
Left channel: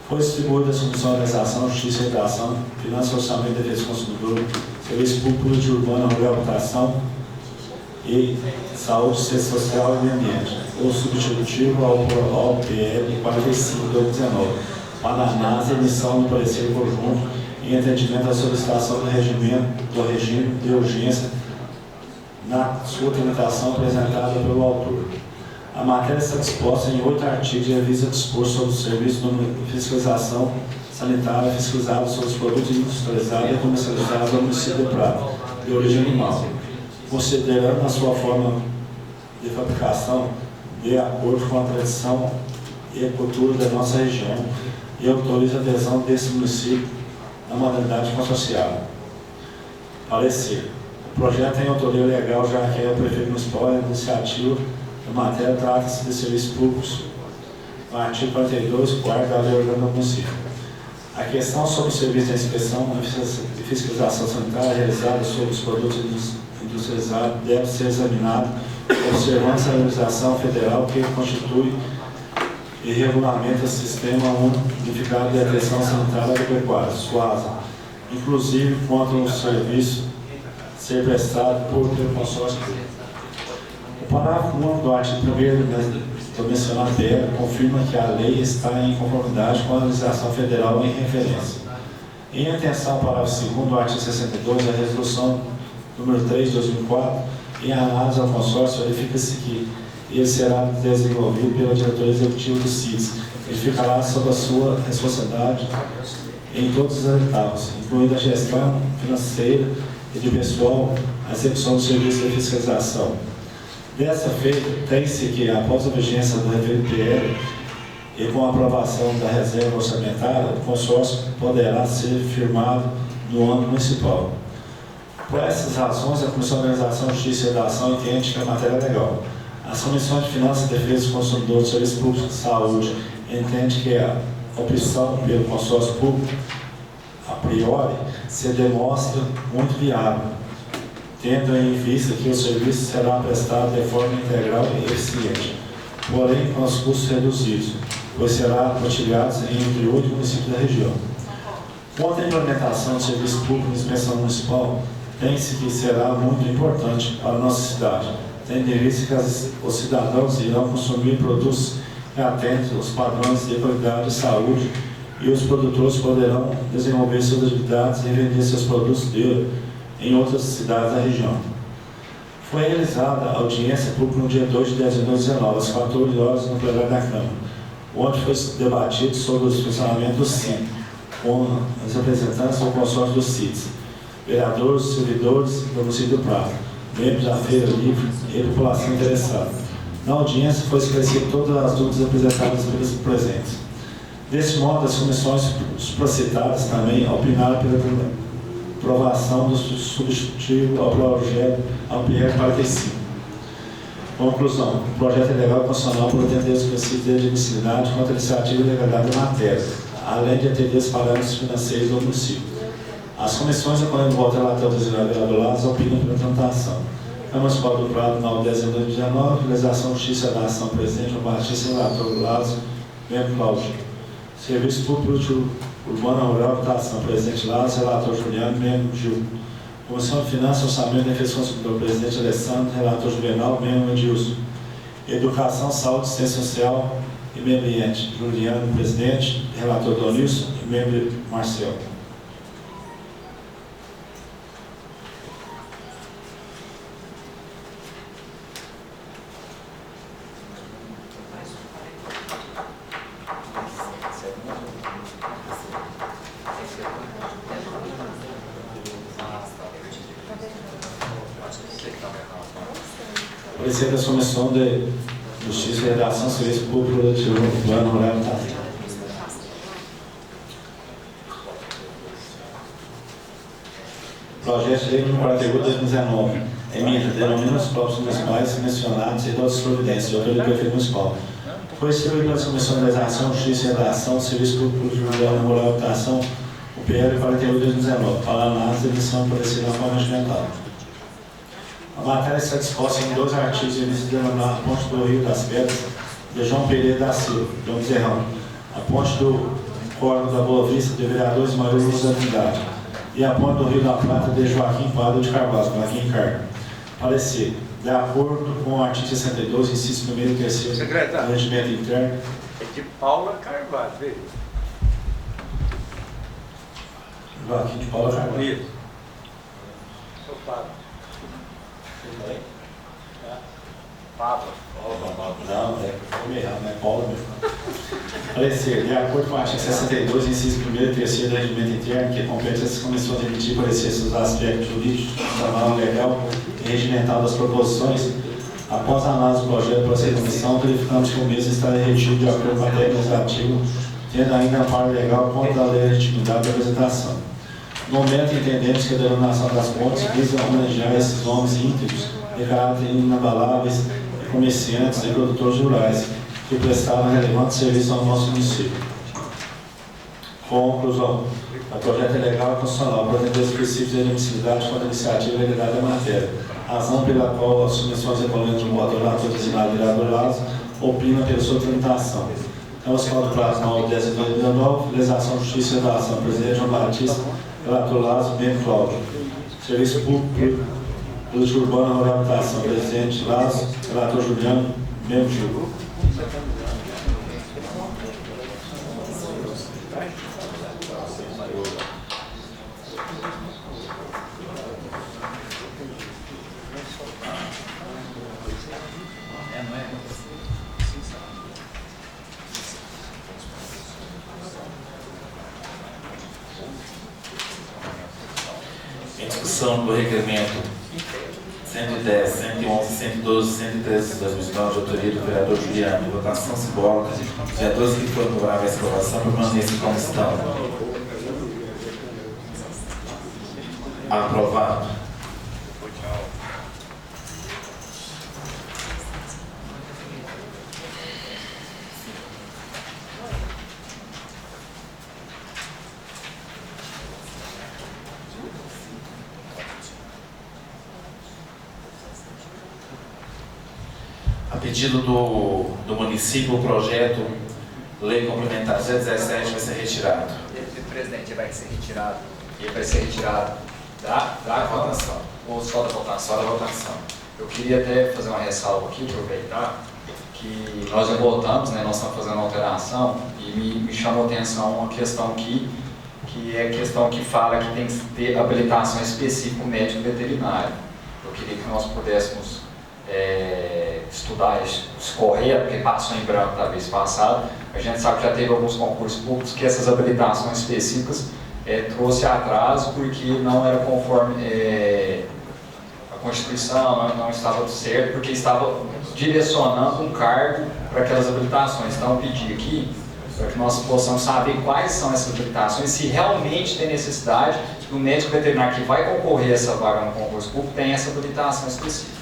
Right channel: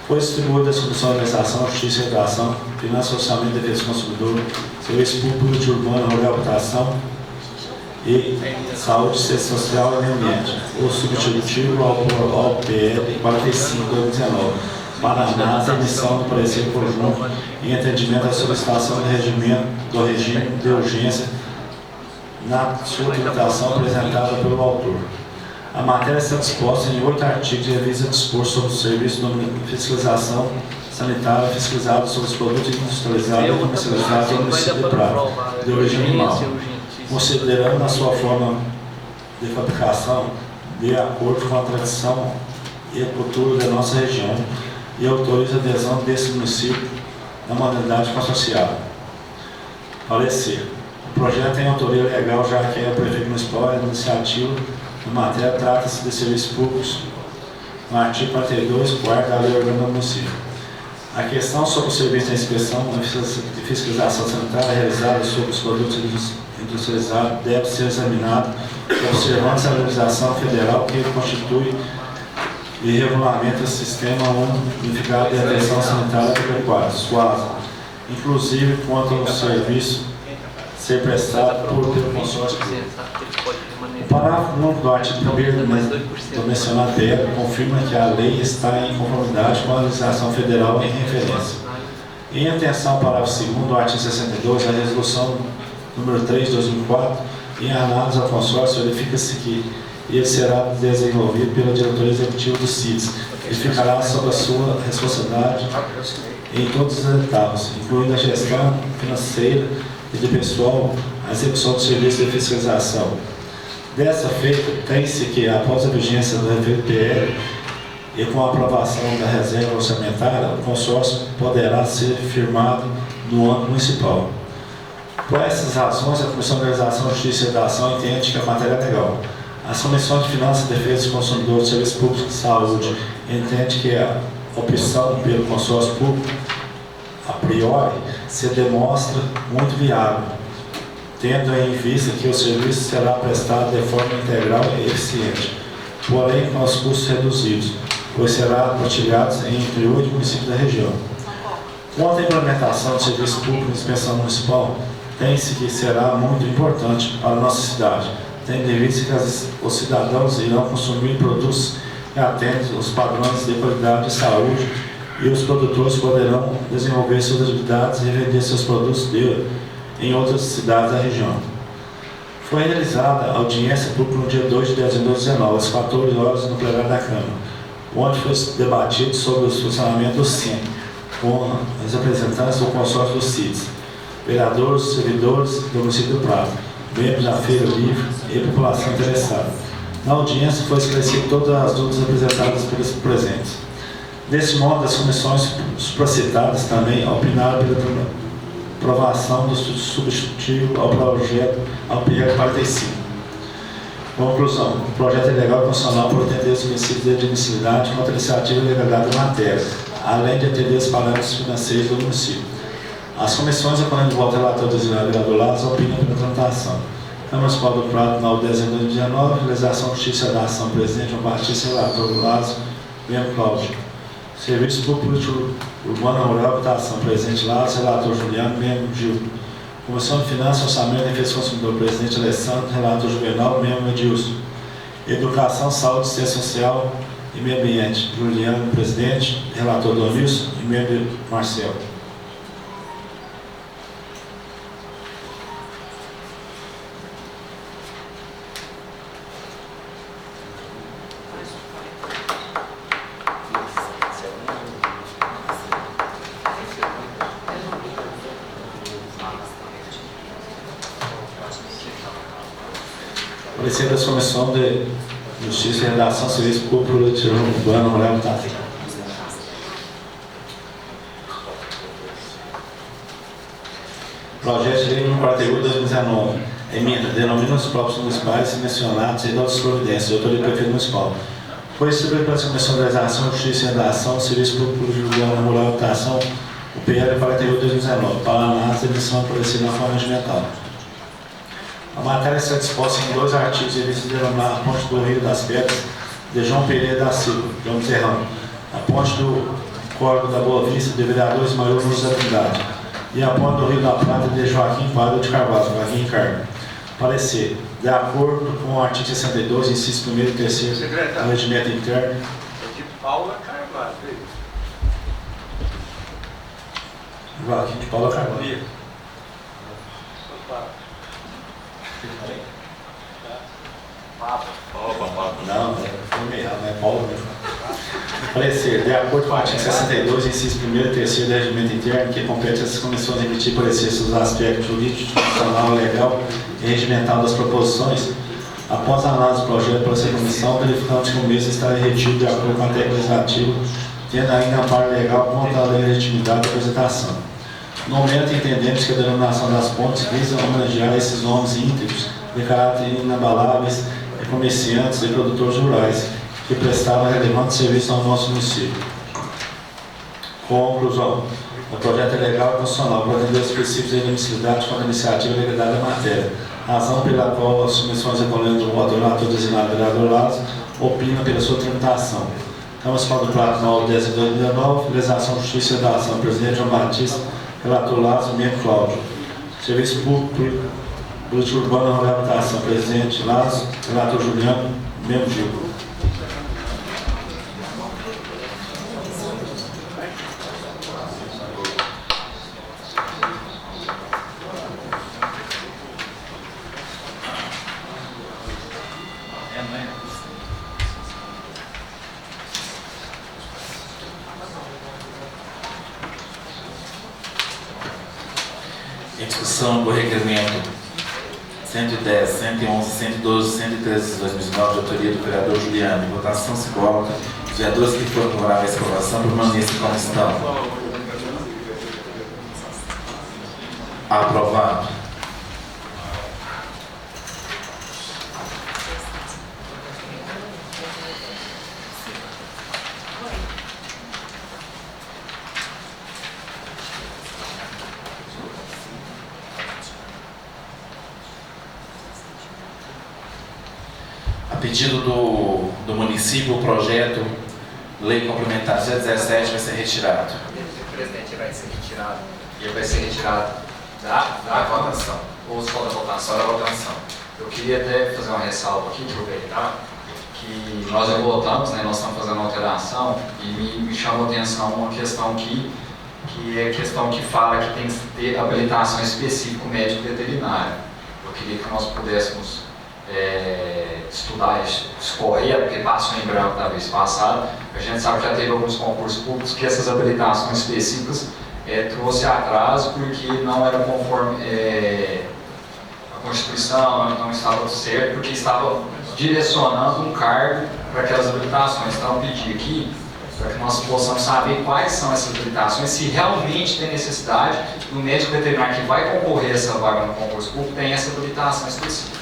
Foi distribuída a Comissão de Organização, Justiça e Redação, Finanças e Orçamento e Defesa do Consumidor, Serviço Público, Política Urbana, Rural e Habitação e Saúde, Assistência Social e Meio Ambiente. O substitutivo ao PL 45 de 2019, para a emissão do parecer conjunto em atendimento à solicitação do regime de urgência na sua tramitação apresentada pelo autor. A matéria está disposta em 8 artigos e visa dispor sobre o serviço de fiscalização sanitária fiscalizado sobre os produtos industrializados e comercializados no município de Prado, de origem animal. considerando a sua forma de fabricação de acordo com a tradição e a cultura da nossa região e autoriza a adesão desse município à modalidade consorciada. Parecer. O projeto tem autoria legal, já que é o prefeito municipal e a iniciativa na matéria trata-se de serviços públicos no artigo 42, 4º da Lei Orgânica do Município. A questão sobre o serviço de inspeção e fiscalização sanitária realizada sobre os produtos industrializados deve ser examinado observando a legislação federal que constitui e regulamenta o Sistema Unificado de Atenção Sanitária Agropecuária, SUASA, inclusive quanto ao serviço ser prestado pelo consórcio. O parágrafo 9 do artigo 1º do mencionado PL confirma que a lei está em conformidade com a legislação federal em referência. Em atenção ao parágrafo 2º do artigo 62 da resolução número 3 de 2004, em análise ao consórcio, verifica-se que ele será desenvolvido pela diretoria executiva do CIDS e ficará sob a sua responsabilidade em todas as etapas, incluindo a gestão financeira e de pessoal, a execução do serviço de fiscalização. Dessa feita, tem-se que, após a vigência do referido PL e com a aprovação da reserva orçamentária, o consórcio poderá ser firmado no âmbito municipal. Por essas razões, a Comissão de Organização, Justiça e Redação entende que a matéria é legal. As comissões de Finanças, Defesa dos Consumidores, Serviços Públicos e Saúde entende que a opção pelo consórcio público, a priori, se demonstra muito viável, tendo em vista que o serviço será prestado de forma integral e eficiente, porém com os custos reduzidos, pois será partilhado entre 8 municípios da região. Quanto à implementação do serviço público de inspeção municipal, tem-se que será muito importante para a nossa cidade, tendo em vista que os cidadãos irão consumir produtos que atendem os padrões de qualidade de saúde e os produtores poderão desenvolver suas atividades e vender seus produtos em outras cidades da região. Foi realizada a audiência pública no dia 2 de dezembro de 2019, às 14 horas, no plenário da Câmara, onde foi debatido sobre o funcionamento do CIM, com os representantes do consórcio do CIDS, vereadores, servidores do município do Prado, membros da Feira Livre e população interessada. Na audiência foi esclarecido todas as dúvidas apresentadas pelos presentes. Desse modo, as comissões supracitadas também opinaram pela aprovação do substitutivo ao projeto ao PL 45. Conclusão. O projeto é legal e constitucional por atender os princípios de admissibilidade contra a iniciativa e legalidade da matéria, além de atender os parâmetros financeiros do município. As comissões, acolhendo o voto relator do vereador Lazo, opinam pela tramitação. Câmara Municipal do Prado, 9 de dezembro de 2019, realização Justiça da Ação, presidente Batista, relator Lazo, membro Cláudio. Serviço Público Urbano Rural, votação, presidente Lazo, relator Juliano, membro Gil. Comissão de Finanças, Orçamento e Defesa do Consumidor, presidente Alessandro, relator Juvenal, membro Edilson. Educação, Saúde, Ciência Social e Meio Ambiente, Juliano, presidente, relator Donilson e membro Marcelo. Parecer da Comissão de Justiça e Redação, Serviço Público Urbano Rural, Projeto de Lei nº 41 de 2019. Emenda, denomina os próprios municipais mencionados e outras providências, de autoria do prefeito municipal. Foi distribuído pela Comissão de Legislação, Justiça e Redação, Serviço Público Urbano Rural, Votação, o PL 41 de 2019, para análise e edição aparecida na forma regimental. A matéria está disposta em 2 artigos e eles denominar a Ponte do Rio das Pedras de João Pereira da Silva, João Zerrão, a Ponte do Córrego da Boa Vista de vereador Ismael Luz da Cidade e a Ponte do Rio da Prata de Joaquim Quadro de Carvalho, Joaquim Carmo. Parecer, de acordo com o artigo 62, inciso 1º e 3º do Regimento Interno. De Paula Carvalho. Joaquim de Paula Carvalho. Não, foi meio errado, não é Paulo mesmo. Parecer, de acordo com o artigo 62, inciso 1º e 3º do regimento interno, que compete às comissões emitir parecer sobre os aspectos jurídicos, constitucional, legal e regimental das proposições, após a análise do projeto pela essa comissão, verificamos que o mesmo está retido de acordo com a técnica legislativa, tendo ainda a parte legal contra a legitimidade da apresentação. No momento, entendemos que a denominação das pontes visa homenagear esses nomes íntegros de caráter inabaláveis de comerciantes e produtores rurais que prestavam relevante serviço ao nosso município. Conclusão. O projeto é legal e constitucional, por atender os princípios de admissibilidade quanto à iniciativa e legalidade da matéria, razão pela qual as submissões recolhendo do voto relator designado vereador Lazo opinam pela sua tramitação. Estamos falando do prazo 9/10 de 2019, legislação, justiça e redação, presidente João Batista, relator Lazo, membro Cláudio. Serviço público, política urbana e reabilitação, presidente Lazo, relator Juliano, membro Gil. Do requerimento 110, 111, 112, 113 de 2009, de autoria do vereador Juliano, em votação simbólica, os vereadores que foram favoráveis a essa aprovação permanecem como estão. Aprovado. A pedido do município, o projeto Lei Complementar 017 vai ser retirado. Presidente, vai ser retirado. Ele vai ser retirado da votação. Ou só da votação? Só da votação. Eu queria até fazer uma ressalva aqui, aproveitar, que nós já votamos, né, nós estamos fazendo alteração, e me chamou a atenção uma questão que é a questão que fala que tem que ter habilitação específica médico veterinário. Eu queria que nós pudéssemos estudar, escorrer, porque passou em branco da vez passada. A gente sabe que já teve alguns concursos públicos que essas habilitações específicas trouxe atraso porque não era conforme a Constituição, não estava certo, porque estava direcionando um cargo para aquelas habilitações. Então eu pedi aqui para que nós possamos saber quais são essas habilitações, se realmente tem necessidade do médico veterinário que vai concorrer a essa vaga no concurso público tem essa habilitação específica.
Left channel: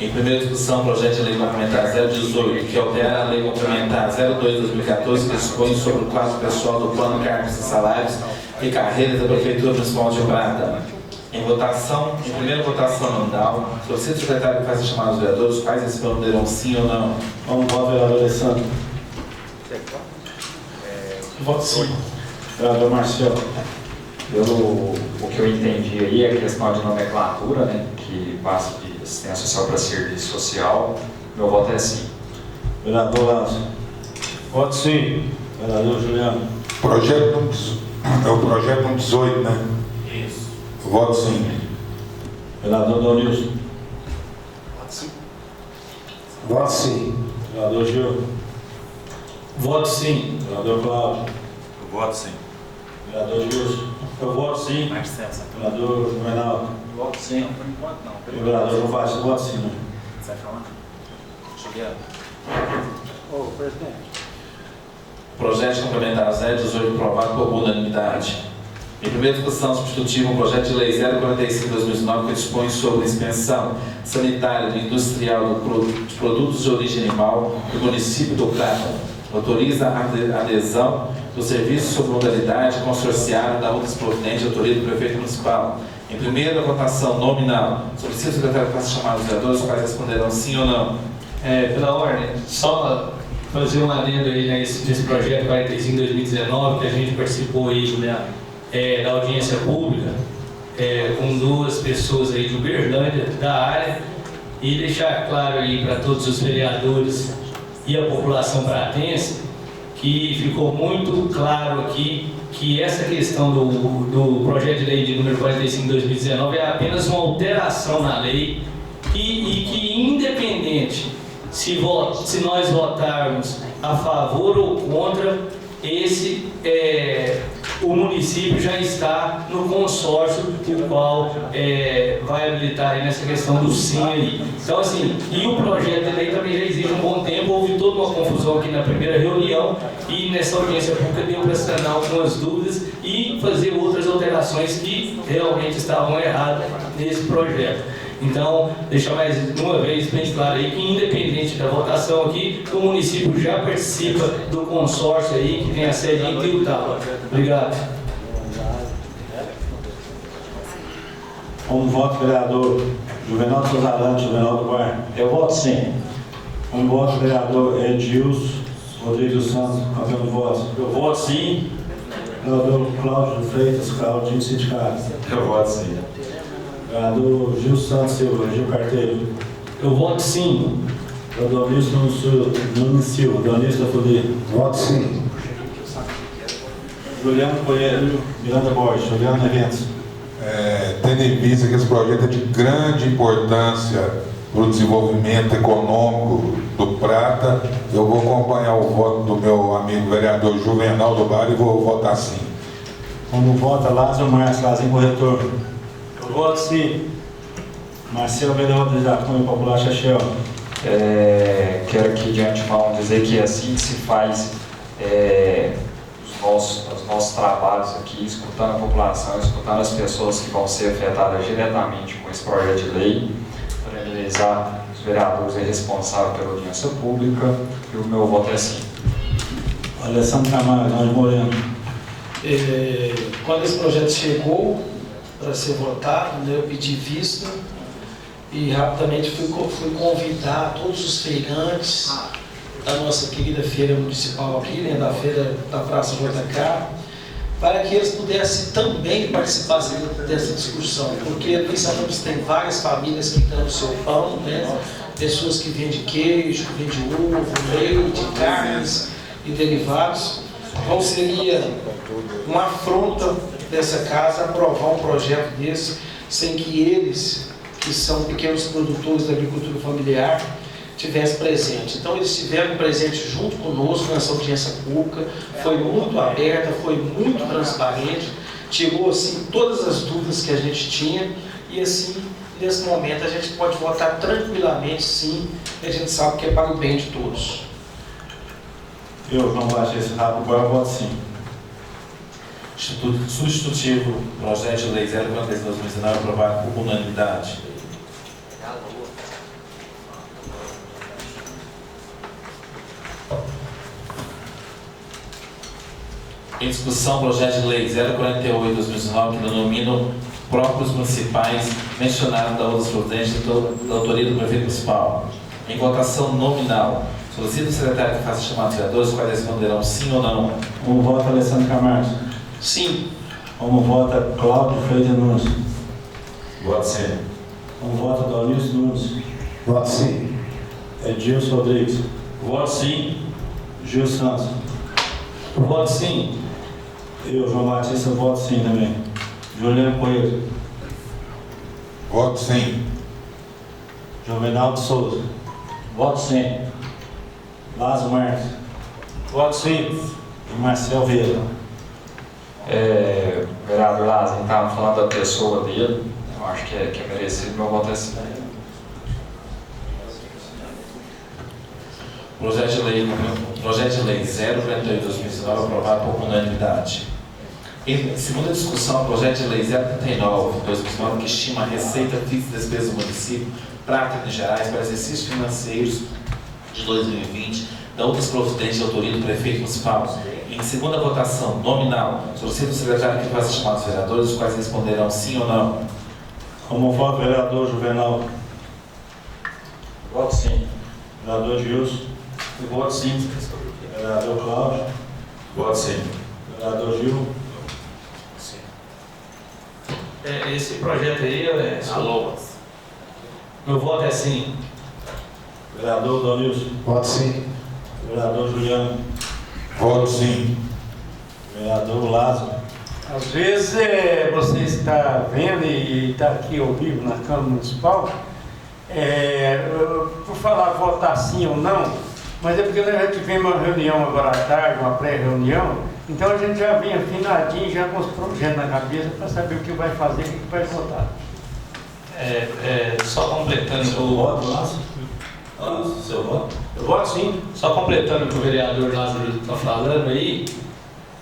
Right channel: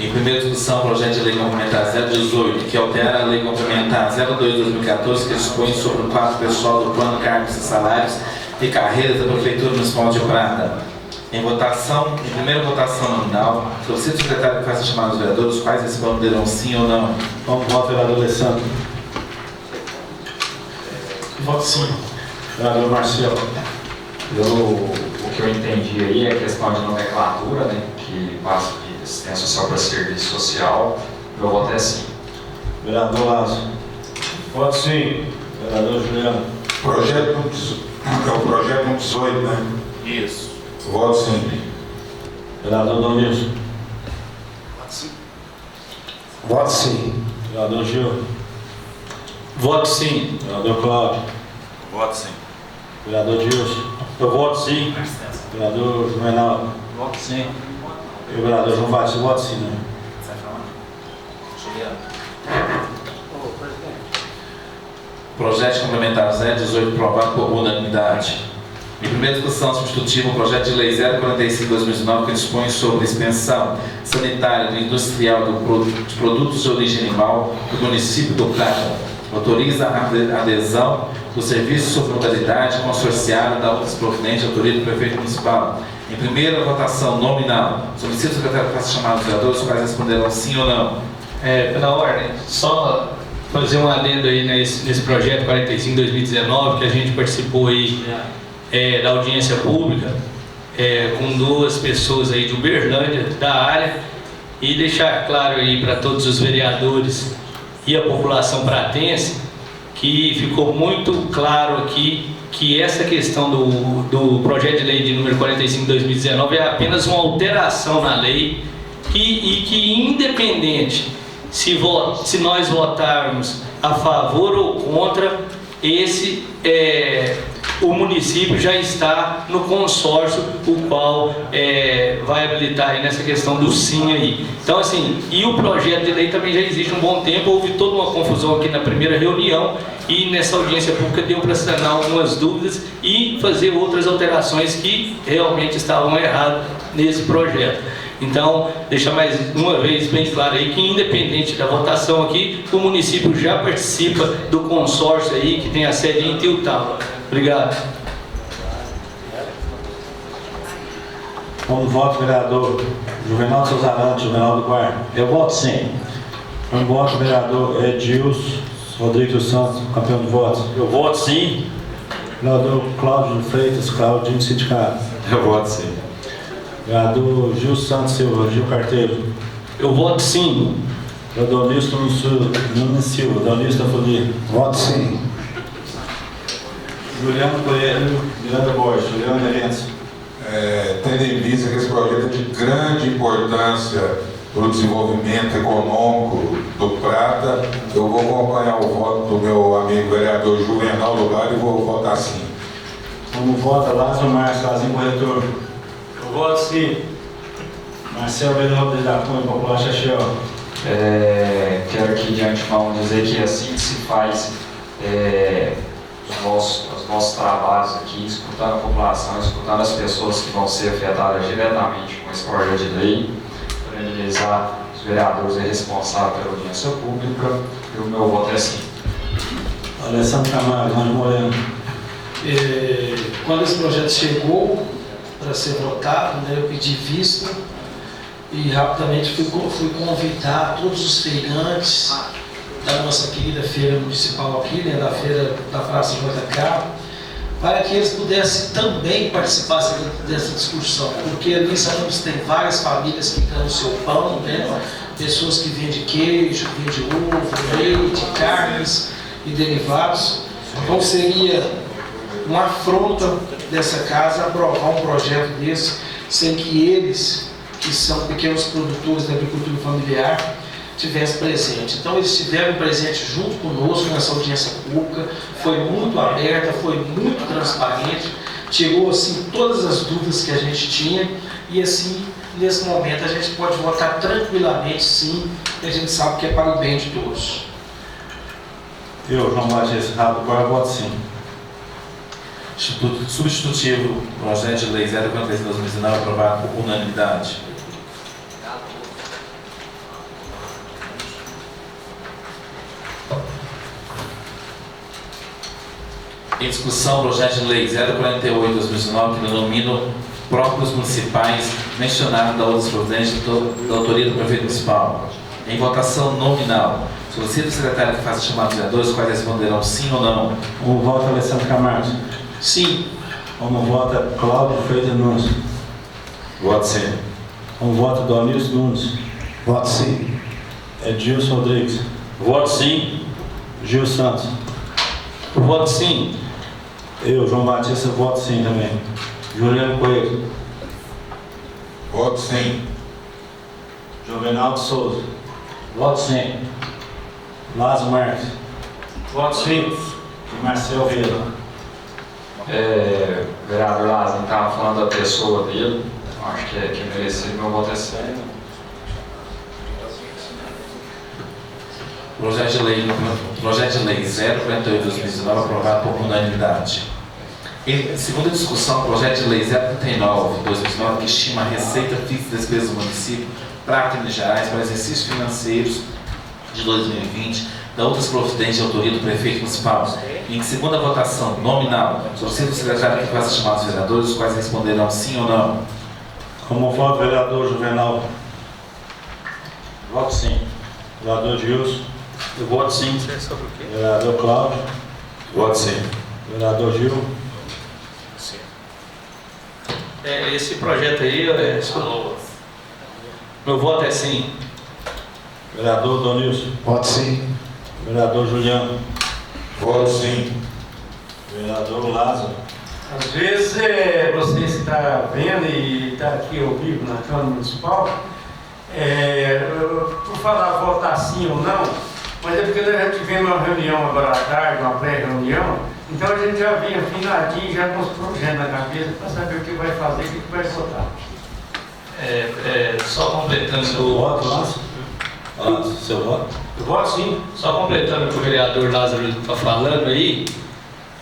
Em primeira discussão, o projeto de lei complementar 018, que altera a lei complementar 02/2014, que dispõe sobre o quadro pessoal do plano, cargos e salários e carreiras da Prefeitura Municipal de Rio Prata. Em primeira votação nominal, solicito o secretário que faça a chamada dos vereadores, os quais responderão sim ou não. Vamos votar, vereador Alessandro. Voto sim. Vereador Marcelo. O que eu entendi aí é a questão de nomenclatura, né, que passa de assistência social para serviço social. Meu voto é sim. Vereador Lazo. Voto sim. Vereador Juliano. É o projeto 118, né? Isso. Voto sim. Vereador Dorilson. Voto sim. Vereador Gil. Voto sim. Vereador Cláudio. Voto sim. Vereador Gilson. Eu voto sim. Vereador Reinaldo. Voto sim. E o vereador João Batista, voto sim, né? Você vai falar? Juliano. Projeto complementar 018, aprovado por unanimidade. Em primeira discussão substitutiva, o projeto de lei 045/2019, que dispõe sobre inspeção sanitária do industrial de produtos de origem animal do município do Prata. Autoriza a adesão do serviço sob modalidade consorciada da outras proveniente autoria do prefeito municipal. Em primeira votação nominal, solicito o secretário que faça chamada dos vereadores, os quais responderão sim ou não. Pela ordem, só fazer um adendo aí nesse projeto 45/2019, que a gente participou aí da audiência pública, com duas pessoas aí de Uberlândia, da área, e deixar claro aí para todos os vereadores e a população pratense que ficou muito claro aqui que essa questão do projeto de lei de número 45 de 2019 é apenas uma alteração na lei e que independente se nós votarmos a favor ou contra, o município já está no consórcio, o qual vai habilitar aí nessa questão do sim aí. Então assim, e o projeto de lei também já existe há um bom tempo, houve toda uma confusão aqui na primeira reunião e nessa audiência pública deu para sanar algumas dúvidas e fazer outras alterações que realmente estavam erradas nesse projeto. Então, deixar mais uma vez bem claro aí que independente da votação aqui, o município já participa do consórcio aí que tem a sede em Tiltava. Obrigado. Como voto, vereador Juvenal Souza, Juvenal do Guarda. Eu voto sim. Como voto, vereador Edilson Rodrigues dos Santos, campeão de votos. Eu voto sim. Vereador Cláudio Freitas, Claudinho Sindicato. Eu voto sim. Vereador Gil Santos Silva, Gil Carteiro. Eu voto sim. Vereador Nilson Nunes Silva, Donista Folia. Voto sim. Juliano Coelho, Miranda Borges, Juliano Eventos. Tendo em vista que esse projeto é de grande importância para o desenvolvimento econômico do Prata, eu vou acompanhar o voto do meu amigo vereador Juvenal do Lar e vou votar sim. Como vota Lázaro Marques, Lazinho Corretor. Eu voto sim. Marcelo Benaldo da Cunha Popular Chachel. Quero aqui de antemão dizer que assim que se faz os nossos trabalhos aqui, escutando a população, escutando as pessoas que vão ser afetadas diretamente com esse projeto de lei, parabenizar os vereadores responsáveis pela audiência pública, e o meu voto é sim. Alessandro Camargo, Jorge Moreno. Quando esse projeto chegou para ser votado, né, eu pedi vista e rapidamente fui convidar todos os feirantes da nossa querida feira municipal aqui, né, da feira da Praça JK, para que eles pudessem também participar dessa discussão, porque ali sabemos que tem várias famílias que dão o seu pão, né, pessoas que vendem queijo, vendem ovo, leite, carnes e derivados. Então seria uma afronta dessa casa aprovar um projeto desse sem que eles, que são pequenos produtores da agricultura familiar, tivessem presente. Então eles estiveram presentes junto conosco nessa audiência pública, foi muito aberta, foi muito transparente, tirou assim todas as dúvidas que a gente tinha e assim, nesse momento a gente pode votar tranquilamente sim, porque a gente sabe que é para o bem de todos. Eu, João Batista Rabo, agora voto sim. Instituto Substitutivo, projeto de lei 046 de 2019, aprovado por unanimidade. Em discussão, projeto de lei 048 de 2019, que denomina próprios municipais, mencionado da outras providências da autoria do prefeito municipal. Em votação nominal, solicito o secretário que faça chamar os vereadores, os quais responderão sim ou não. Como vota Alessandro Camargo? Sim. Como vota Cláudio Freitas Nunes? Voto sim. Como vota Donilson Nunes? Voto sim. Edilson Rodrigues. Voto sim. Gil Santos. Voto sim. Eu, João Batista, voto sim também. Juliano Coelho. Voto sim. Jovenaldo Souza. Voto sim. Lázaro Marques. Voto sim. E Marcel Vieira. Vereador Lázaro, estava falando da pessoa dele, eu acho que é merecido, meu voto é sim. Projeto de lei 048 de 2019, aprovado por unanimidade. Em segunda discussão, projeto de lei 039 de 2019, que estima a receita fixa e despesa do município, Prata e Minas Gerais, para exercícios financeiros de 2020, da outras providências de autoria do prefeito municipal. Em segunda votação nominal, solicito o secretário que faça chamar os vereadores, os quais responderão sim ou não. Como voto vereador Juvenal? Voto sim. Vereador Gilson. Eu voto sim. Vereador Cláudio. Voto sim. Vereador Gil. Esse projeto aí, Meu voto é sim. Vereador Donilson. Voto sim. Vereador Juliano. Voto sim. Vereador Lázaro. Às vezes você está vendo e está aqui ao vivo na Câmara Municipal, por falar votar sim ou não, mas é porque nós já tivemos uma reunião agora à tarde, uma pré-reunião, então a gente já vem afinadinho, já com os projetos na cabeça para saber o que vai fazer, o que vai votar. Só completando Seu voto, Lázaro? Lázaro, seu voto? Eu voto sim. Só completando o que o vereador Lázaro está falando aí,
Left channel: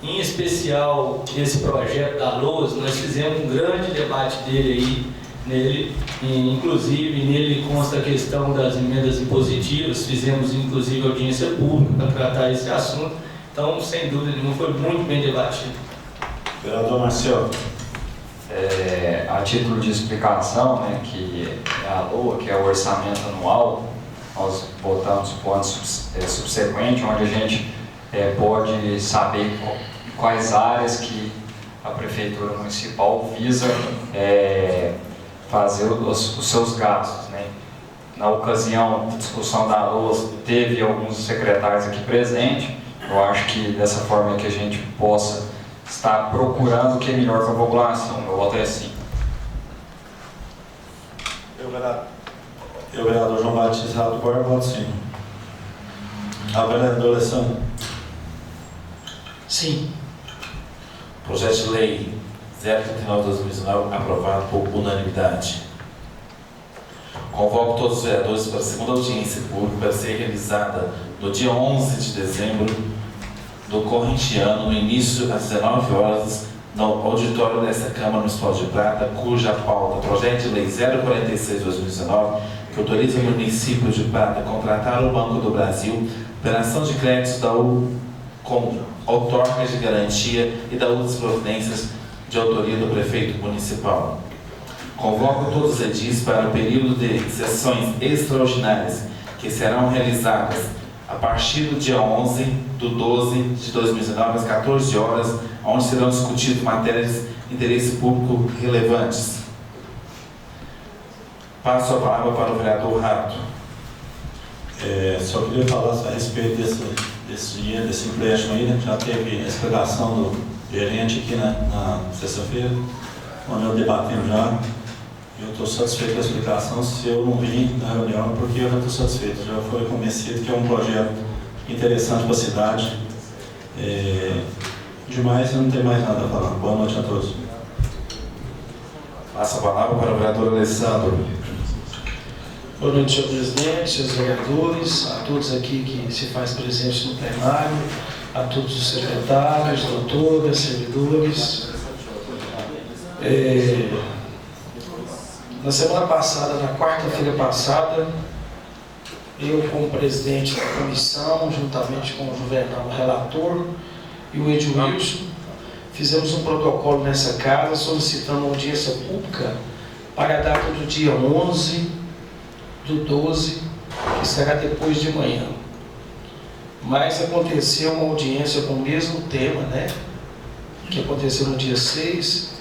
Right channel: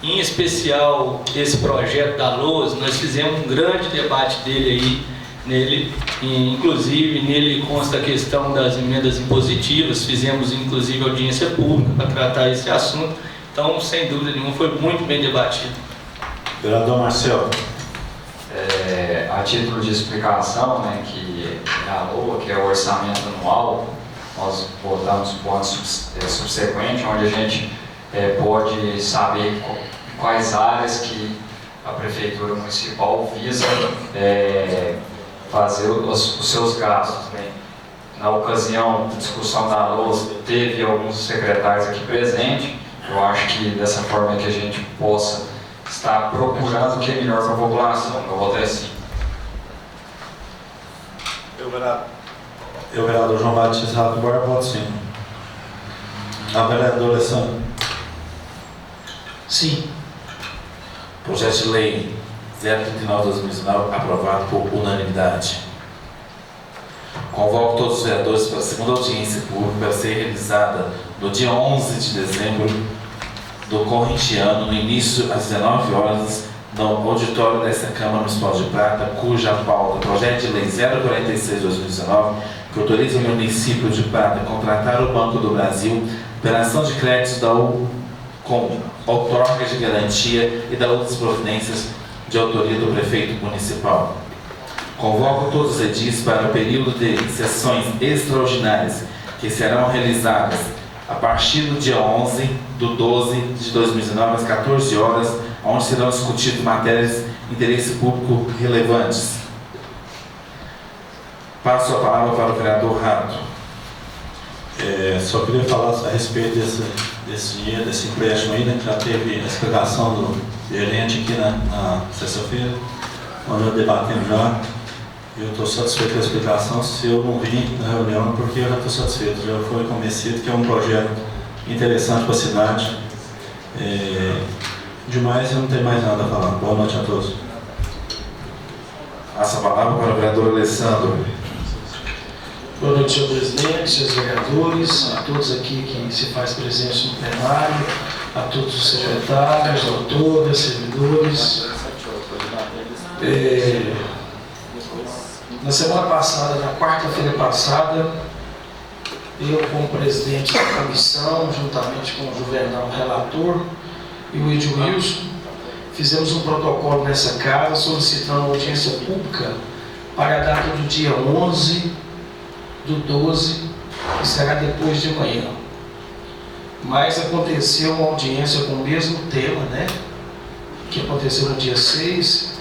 em especial esse projeto da LOAS, nós fizemos um grande debate nele, e, inclusive nele consta a questão das emendas impositivas, fizemos inclusive audiência pública para tratar esse assunto, então sem dúvida nenhuma foi muito bem debatido. Vereador Marcelo. A título de explicação, né, que é a LOA, que é o orçamento anual, nós votamos para o ano subsequente, onde a gente pode saber quais áreas que a Prefeitura Municipal visa fazer os seus gastos. Né? Na ocasião da discussão da LOA, teve alguns secretários aqui presentes. Eu acho que dessa forma que a gente possa estar procurando o que é melhor para a população. Eu voto é sim. Eu, vereador João Batista Rato Borba, voto sim. A vereadora Alessandro. Sim. Projeto de Lei 039/2019 aprovado por unanimidade. Convoco todos os vereadores para a segunda audiência pública para ser realizada no dia 11 de dezembro do corrente ano, no início às 19 horas, no auditório desta Câmara Municipal de Prata, cuja pauta, projeto de lei 046/2019, que autoriza o município de Prata a contratar o Banco do Brasil, operação de créditos com outorga de garantia e da outras providências de autoria do prefeito municipal. Convoco todos os edis para o período de sessões extraordinárias que serão realizadas a partir do dia 11/12/2019, às 14 horas, onde serão discutidas matérias de interesse público relevantes. Passo a palavra para o vereador Rato. Só queria falar a respeito desse dia, desse empréstimo aí, né, que já teve a explicação do gerente aqui na sexta-feira, nós já debatemos já. Eu estou satisfeito com a explicação. Se eu não vim na reunião, porque eu já estou satisfeito, já fui convencido que é um projeto interessante para a cidade. Demais, eu não tenho mais nada a falar. Boa noite a todos. Passa a palavra para o vereador Alessandro. Boa noite, senhor presidente, senhores vereadores, a todos aqui que se faz presente no plenário, a todos os secretários, doutoras, servidores. Na semana passada, na quarta-feira passada, eu, como presidente da comissão, juntamente com o Juvenal, relator, e o Edmilson, fizemos um protocolo nessa casa solicitando audiência pública para a data do dia 11/12, que será depois de amanhã. Mas aconteceu uma audiência com o mesmo tema, né? Que aconteceu no dia 6.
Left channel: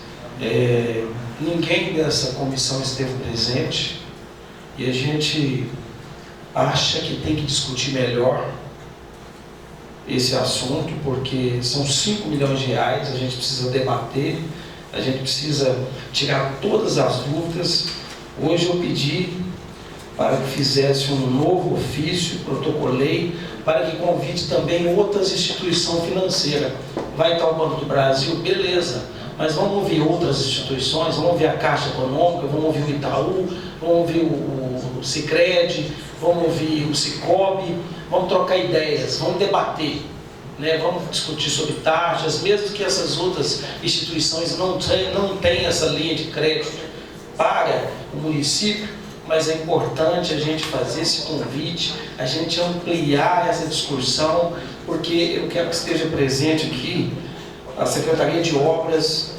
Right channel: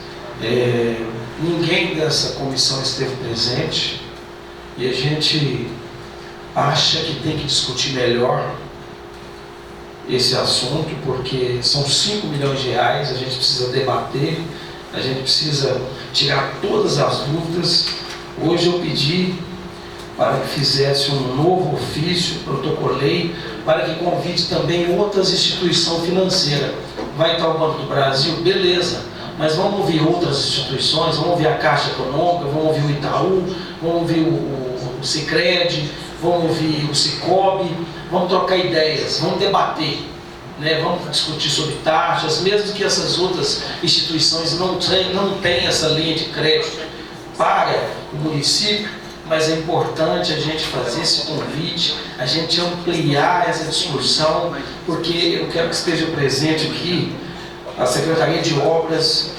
Ninguém dessa comissão esteve presente e a gente acha que tem que discutir melhor esse assunto, porque são 5 milhões de reais, a gente precisa debater, a gente precisa tirar todas as dúvidas. Hoje eu pedi para que fizesse um novo ofício, protocolei, para que convide também outras instituições financeiras. Vai estar o Banco do Brasil? Beleza, mas vamos ouvir outras instituições, vamos ouvir a Caixa Econômica, vamos ouvir o Itaú, vamos ouvir o Sicredi, vamos ouvir o Sicobi, vamos trocar ideias, vamos debater, né? Vamos discutir sobre taxas, mesmo que essas outras instituições não tenham essa linha de crédito para o município, mas é importante a gente fazer esse convite, a gente ampliar essa discussão, porque eu quero que esteja presente aqui a Secretaria de Obras,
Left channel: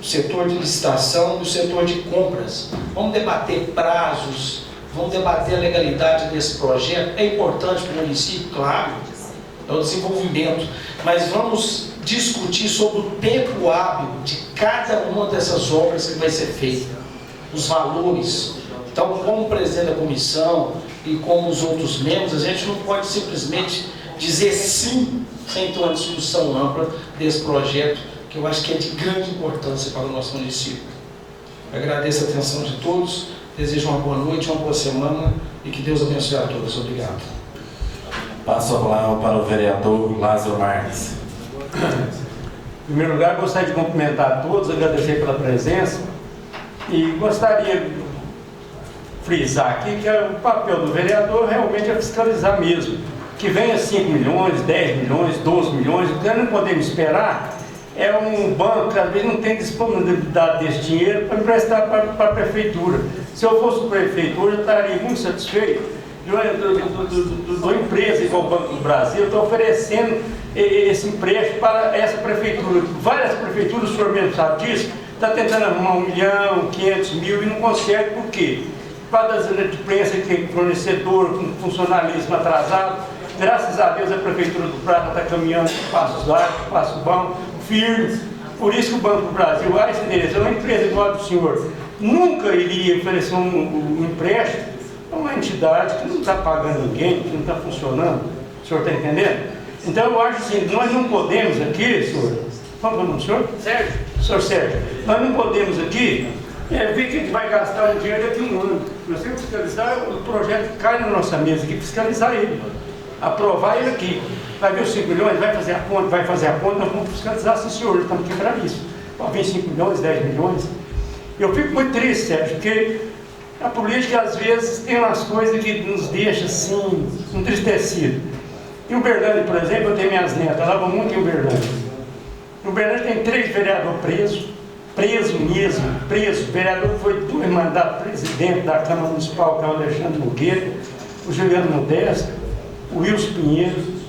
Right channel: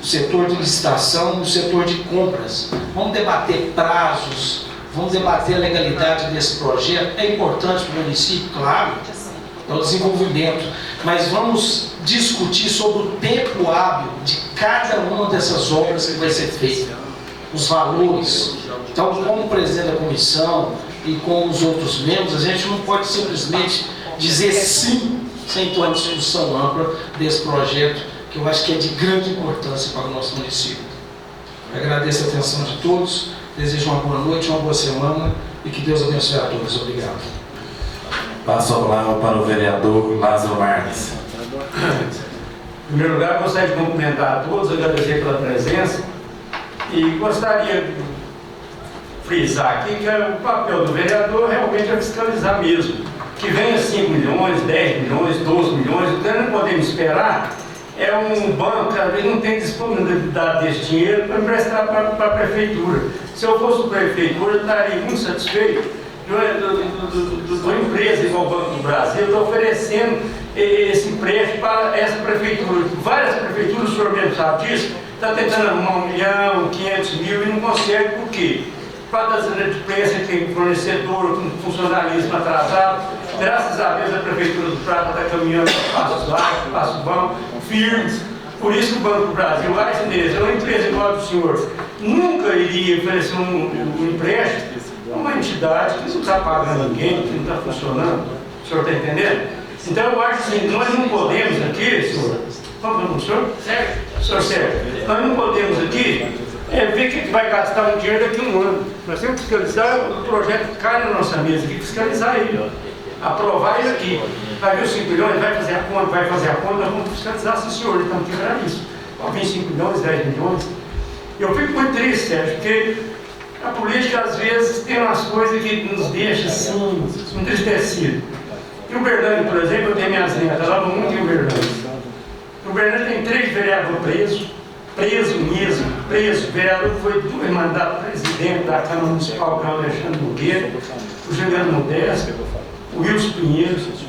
o setor de licitação e o setor de compras. Vamos debater prazos, vamos debater a legalidade desse projeto. É importante para o município, claro, é o desenvolvimento, mas vamos discutir sobre o tempo hábil de cada uma dessas obras que vai ser feita, os valores, Então, como presidente da comissão e como os outros membros, a gente não pode simplesmente dizer sim sem ter uma discussão ampla desse projeto, que eu acho que é de grande importância para o nosso município. Eu agradeço a atenção de todos, desejo uma boa noite, uma boa semana e que Deus abençoe a todos. Obrigado. Passo a palavra para o vereador Lázaro Marques. Em primeiro lugar, gostaria de cumprimentar a todos, agradecer pela presença e gostaria de frisar aqui que o papel do vereador realmente é fiscalizar mesmo. Que venha 5 milhões, 10 milhões, 12 milhões, o que nós não podemos esperar é um banco que às vezes não tem disponibilidade desse dinheiro para emprestar para a prefeitura. Se eu fosse prefeitura, eu estaria muito satisfeito de uma empresa igual o Banco do Brasil, está oferecendo esse empréstimo para essa prefeitura. Várias prefeituras, o senhor mesmo sabe disso, está tentando arrumar 1 milhão, 500 mil e não consegue. Por quê? Por causa das inadimplências que tem fornecedor, com funcionalismo atrasado. Graças a Deus a Prefeitura do Prata está caminhando passos largos, passos bons, firmes. Por isso que o Banco do Brasil, é uma empresa igual a do senhor, nunca iria oferecer um empréstimo a uma entidade que não está pagando ninguém, que não está funcionando. O senhor está entendendo? Então eu acho que nós não podemos aqui, senhor, qual é o nome do senhor? Sérgio. Senhor Sérgio, nós não podemos aqui ver quem vai gastar o dinheiro daqui a um ano. Nós temos que fiscalizar o projeto que cai na nossa mesa, aqui, fiscalizar ele, aprovar ele aqui. Vai ver os 5 milhões, vai fazer a conta, nós vamos fiscalizar, sim senhor, estamos quebrando isso. Vai vir 5 milhões, 10 milhões. Eu fico muito triste, Sérgio, porque a política às vezes tem umas coisas que nos deixam assim, entristecidos. Em Uberlândia, por exemplo, eu tenho minhas netas, lá vão muito em Uberlândia. Em Uberlândia tem 3 vereadores preso mesmo, preso. O vereador que foi 2 mandatos presidente da Câmara Municipal, que é o Alexandre Nogueira, o Juliano Modesto, o Wilson Pinheiro.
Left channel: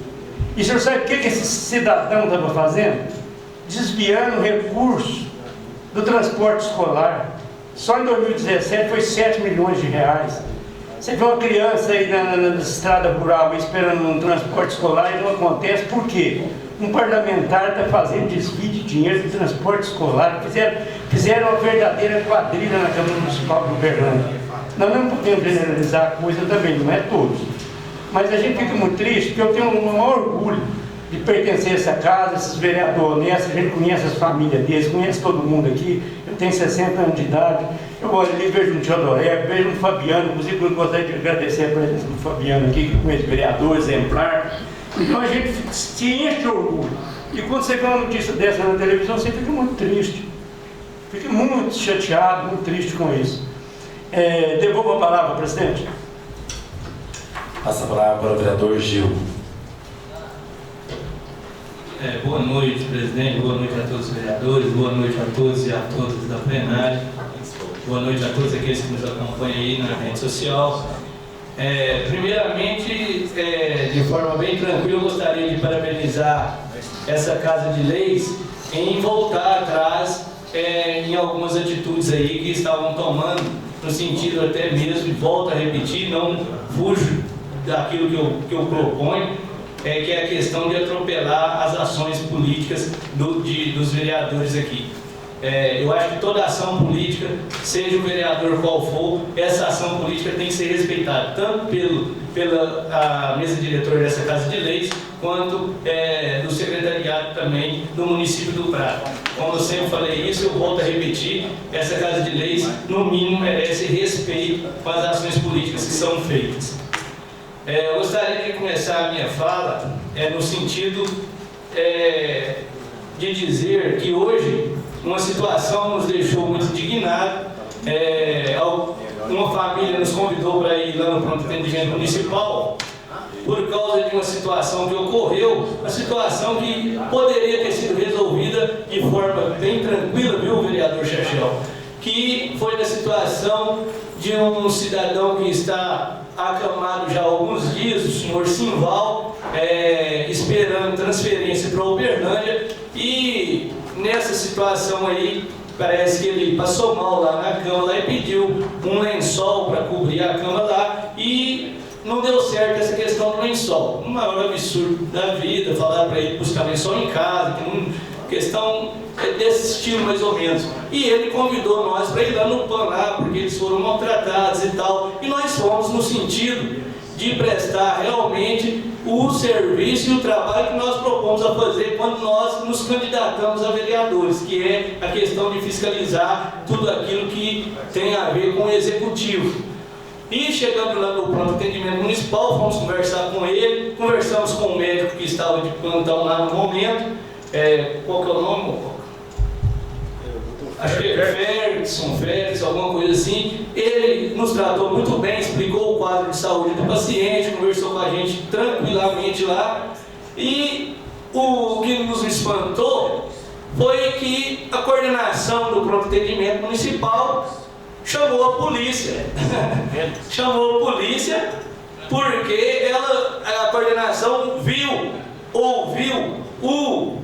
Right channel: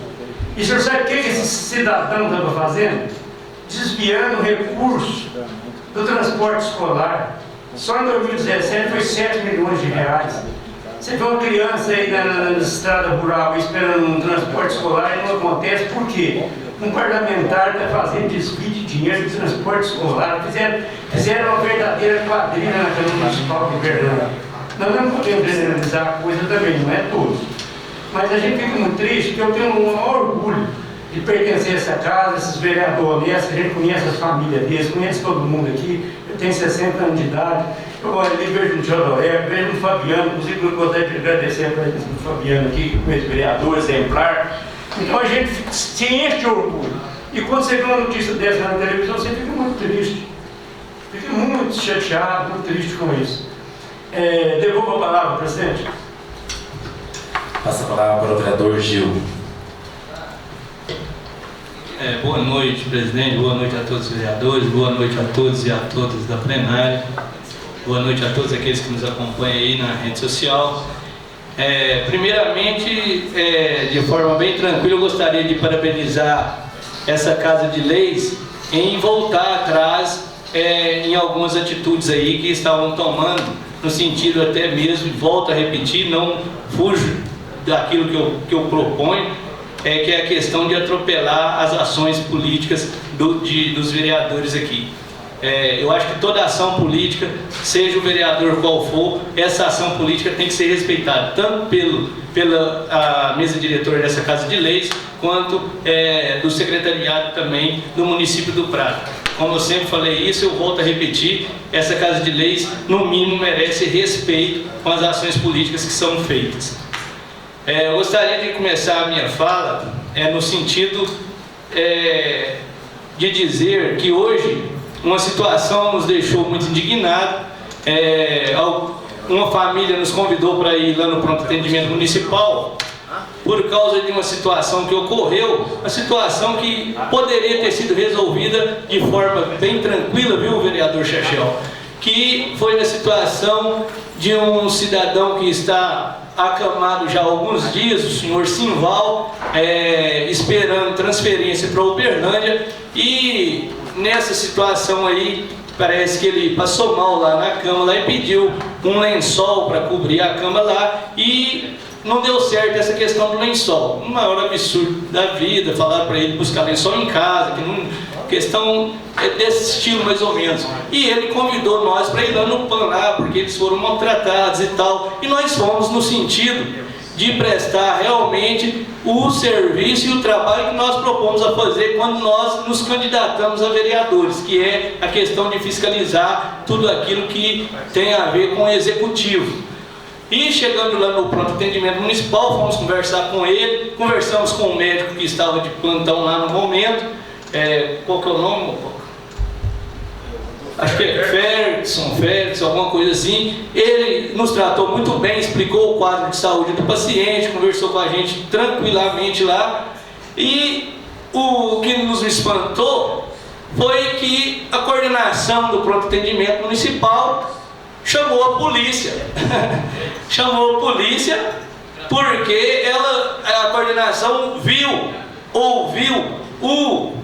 E o senhor sabe o que esse cidadão estava fazendo? Desviando recursos do transporte escolar. Só em 2017 foi 7 milhões de reais. Você vê uma criança aí na estrada rural esperando um transporte escolar e não acontece. Por quê? Um parlamentar está fazendo desvio de dinheiro de transporte escolar. Fizeram uma verdadeira quadrilha na Câmara Municipal de Uberlândia. Nós não podemos generalizar a coisa também, não é todos. Mas a gente fica muito triste, porque eu tenho um maior orgulho de pertencer a essa casa, esses vereadores honestos, a gente conhece as famílias deles, conhece todo mundo aqui. Eu tenho 60 anos de idade, eu olho ali, vejo um Teodoré, vejo um Fabiano, inclusive eu gostaria de agradecer para eles, um Fabiano aqui, que conhece vereador, exemplar. Então a gente se enche de orgulho. E quando você vê uma notícia dessa na televisão, você fica muito triste. Fica muito chateado, muito triste com isso. Devolvo a palavra, presidente. Passa a palavra para o vereador Gil. Boa noite, presidente. Boa noite a todos os vereadores. Boa noite a todos e a todas da plenária. Boa noite a todos aqueles que nos acompanham aí na rede social. Primeiramente, de forma bem tranquila, eu gostaria de parabenizar essa Casa de Leis em voltar atrás em algumas atitudes aí que estavam tomando, no sentido até mesmo, volto a repetir, não fujo daquilo que eu proponho, que é a questão de atropelar as ações políticas dos vereadores aqui. Eu acho que toda ação política, seja o vereador qual for, essa ação política tem que ser respeitada, tanto pela mesa diretora dessa Casa de Leis, quanto do secretariado também do município do Prata. Como eu sempre falei isso, eu volto a repetir, essa Casa de Leis, no mínimo, merece respeito com as ações políticas que são feitas. Eu gostaria de começar a minha fala no sentido de dizer que hoje uma situação nos deixou muito indignados. Uma família nos convidou para ir lá no pronto atendimento municipal por causa de uma situação que ocorreu, uma situação que poderia ter sido resolvida de forma bem tranquila, viu, vereador Chachel? Que foi na situação de um cidadão que está acamado já há alguns dias, o senhor Simval, esperando transferência para Uberlândia, e nessa situação aí, parece que ele passou mal lá na cama lá, e pediu um lençol para cobrir a cama lá, e não deu certo essa questão do lençol. O maior absurdo da vida, falaram para ele buscar lençol em casa, que questão desse estilo mais ou menos. E ele convidou nós para ir lá no PAN lá, porque eles foram maltratados e tal. E nós fomos no sentido de prestar realmente o serviço e o trabalho que nós propomos a fazer quando nós nos candidatamos a vereadores, que é a questão de fiscalizar tudo aquilo que tem a ver com o executivo. E chegando lá no pronto atendimento municipal, fomos conversar com ele, conversamos com o médico que estava de plantão lá no momento. Qual que é o nome, Mococa? Acho que é Félix, alguma coisa assim. Ele nos tratou muito bem, explicou o quadro de saúde do paciente, conversou com a gente tranquilamente lá. E o que nos espantou foi que a coordenação do pronto atendimento municipal chamou a polícia. Chamou a polícia porque a coordenação ouviu o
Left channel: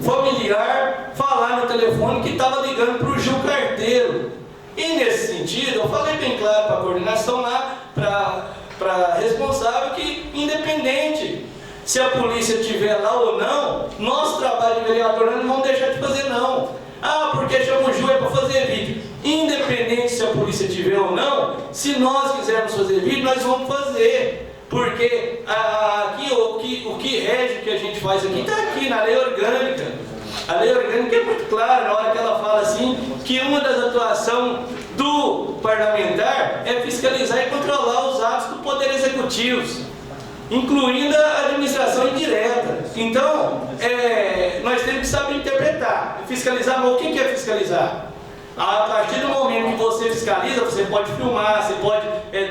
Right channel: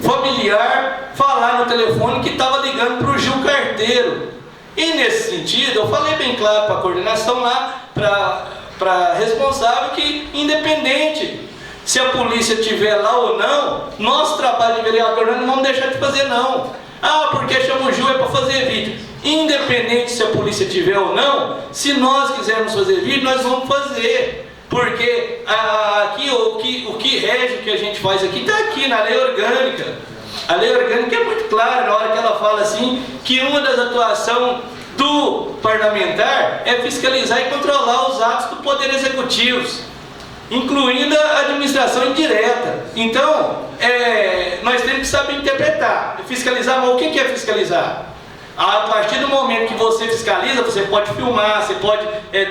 familiar falar no telefone que estava ligando para o Gil Carteiro. E nesse sentido, eu falei bem claro para a coordenação lá, para a responsável, que independente se a polícia estiver lá ou não, nosso trabalho de vereador nós não vamos deixar de fazer não. Ah, porque chama o Gil é para fazer vídeo. Independente se a polícia estiver ou não, se nós quisermos fazer vídeo, nós vamos fazer. Porque aqui o que rege o que a gente faz aqui está aqui na lei orgânica. A lei orgânica é muito clara na hora que ela fala assim que uma das atuações do parlamentar é fiscalizar e controlar os atos do Poder Executivo, incluindo a administração indireta. Então, nós temos que saber interpretar. Fiscalizar, mas o que é fiscalizar? A partir do momento que você fiscaliza, você pode filmar, você pode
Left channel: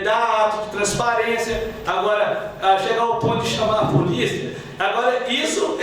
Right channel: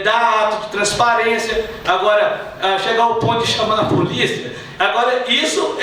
dar ato de transparência. Agora, chegar ao ponto de chamar a polícia, agora isso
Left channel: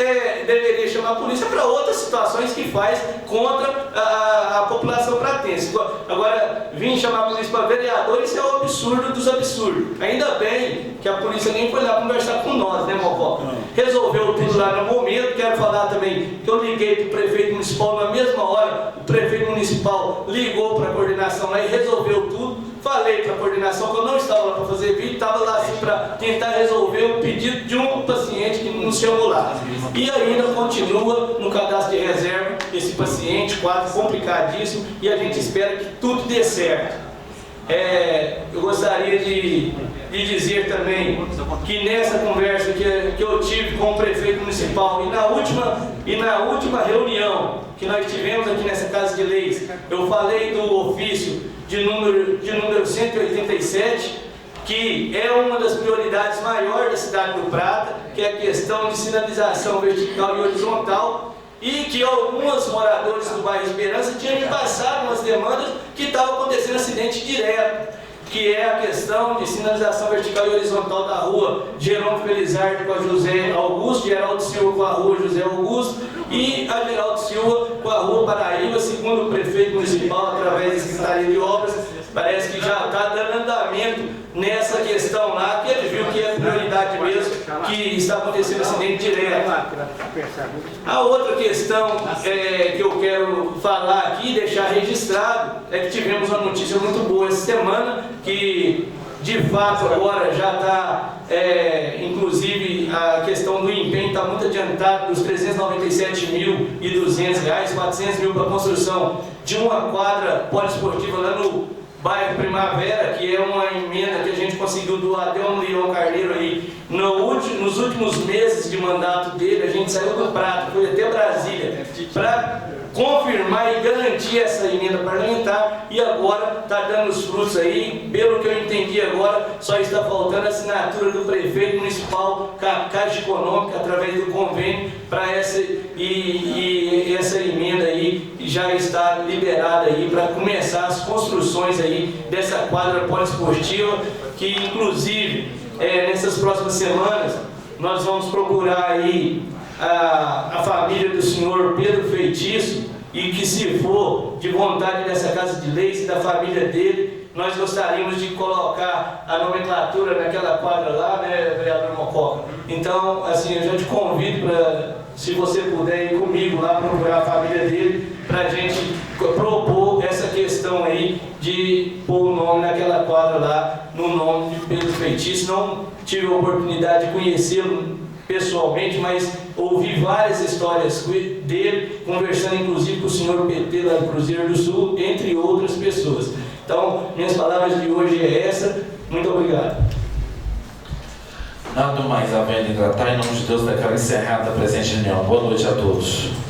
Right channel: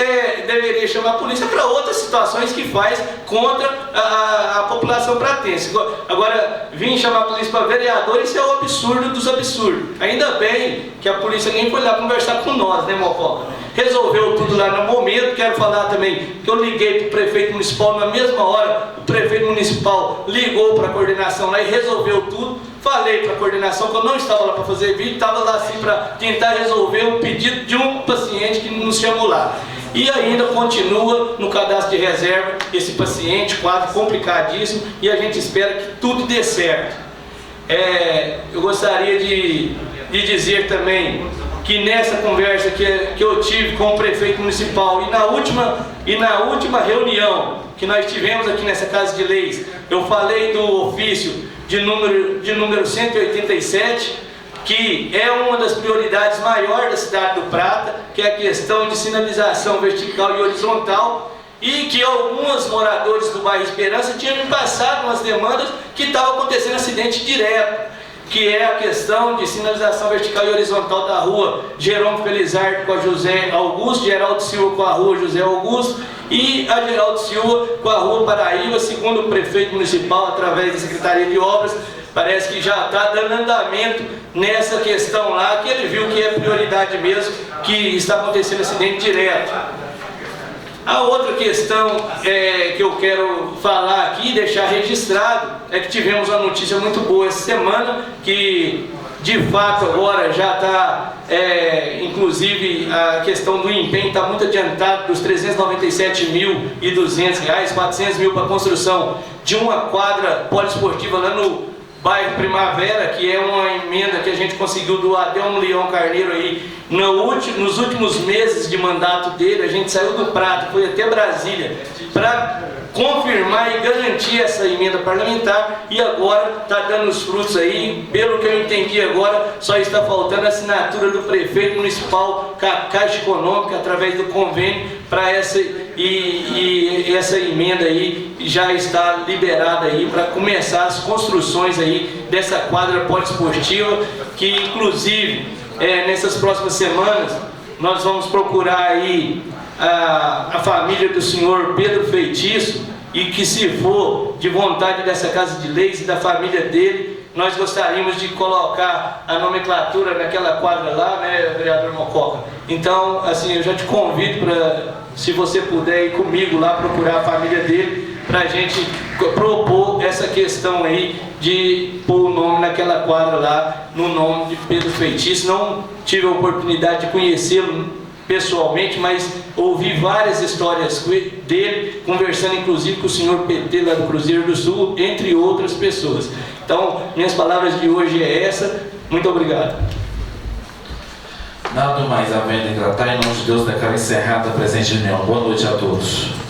deveria chamar a polícia para outras situações que faz contra a população pratense. Agora, vir chamar a polícia para vereador, isso é o absurdo dos absurdos. Ainda bem que a polícia nem foi lá conversar com nós, né, Mococa? Resolveu tudo lá no momento. Quero falar também que eu liguei para o prefeito municipal na mesma hora. O prefeito municipal ligou para a coordenação lá e resolveu tudo. Falei para a coordenação que eu não estava lá para fazer vídeo, estava lá assim para tentar resolver o pedido de um paciente que nos chamou lá. E ainda continua no cadastro de reserva esse paciente, quadro complicadíssimo, e a gente espera que tudo dê certo. Eu gostaria de dizer também que nessa conversa que eu tive com o prefeito municipal e na última reunião que nós tivemos aqui nessa Casa de Leis, eu falei do ofício de número 187, que é uma das prioridades maiores da cidade do Prata, que é a questão de sinalização vertical e horizontal, e que alguns moradores do bairro Esperança tinham me passado umas demandas que estavam acontecendo acidente direto, que é a questão de sinalização vertical e horizontal da rua Jerônimo Felizardo com a José Augusto, Geraldo Silva com a rua José Augusto e a Geraldo Silva com a rua Paraíba. Segundo o prefeito municipal, através da Secretaria de Obras, parece que já está dando andamento nessa questão lá, que ele viu que é prioridade mesmo, que está acontecendo acidente direto. A outra questão que eu quero falar aqui, deixar registrado, é que tivemos uma notícia muito boa essa semana, que de fato agora já está, inclusive a questão do empenho está muito adiantado, dos R$ 397.200, 400 mil para a construção de uma quadra poliesportiva lá no bairro Primavera, que é uma emenda que a gente conseguiu do Adelmo Leão Carneiro aí. Nos últimos meses de mandato dele, a gente saiu do Prata, foi até Brasília, para confirmar e garantir essa emenda parlamentar, e agora está dando os frutos aí. Pelo que eu entendi agora, só está faltando a assinatura do prefeito municipal com a Caixa Econômica, através do convênio, para essa emenda aí já está liberada aí para começar as construções aí dessa quadra poliesportiva, que inclusive nessas próximas semanas nós vamos procurar aí a família do senhor Pedro Feitiço, e que, se for de vontade dessa Casa de Leis e da família dele, nós gostaríamos de colocar a nomenclatura naquela quadra lá, né, vereador Mococa? Então, assim, eu já te convido para, se você puder ir comigo lá procurar a família dele, para a gente propor essa questão aí de pôr o nome naquela quadra lá, no nome de Pedro Feitiço. Não tive a oportunidade de conhecê-lo pessoalmente, mas ouvi várias histórias dele, conversando inclusive com o senhor PT lá do Cruzeiro do Sul, entre outras pessoas. Então, minhas palavras de hoje é essa. Muito obrigado. Nada mais havendo em tratar, em nome de Deus, declaro encerrada a presente reunião. Boa noite a todos.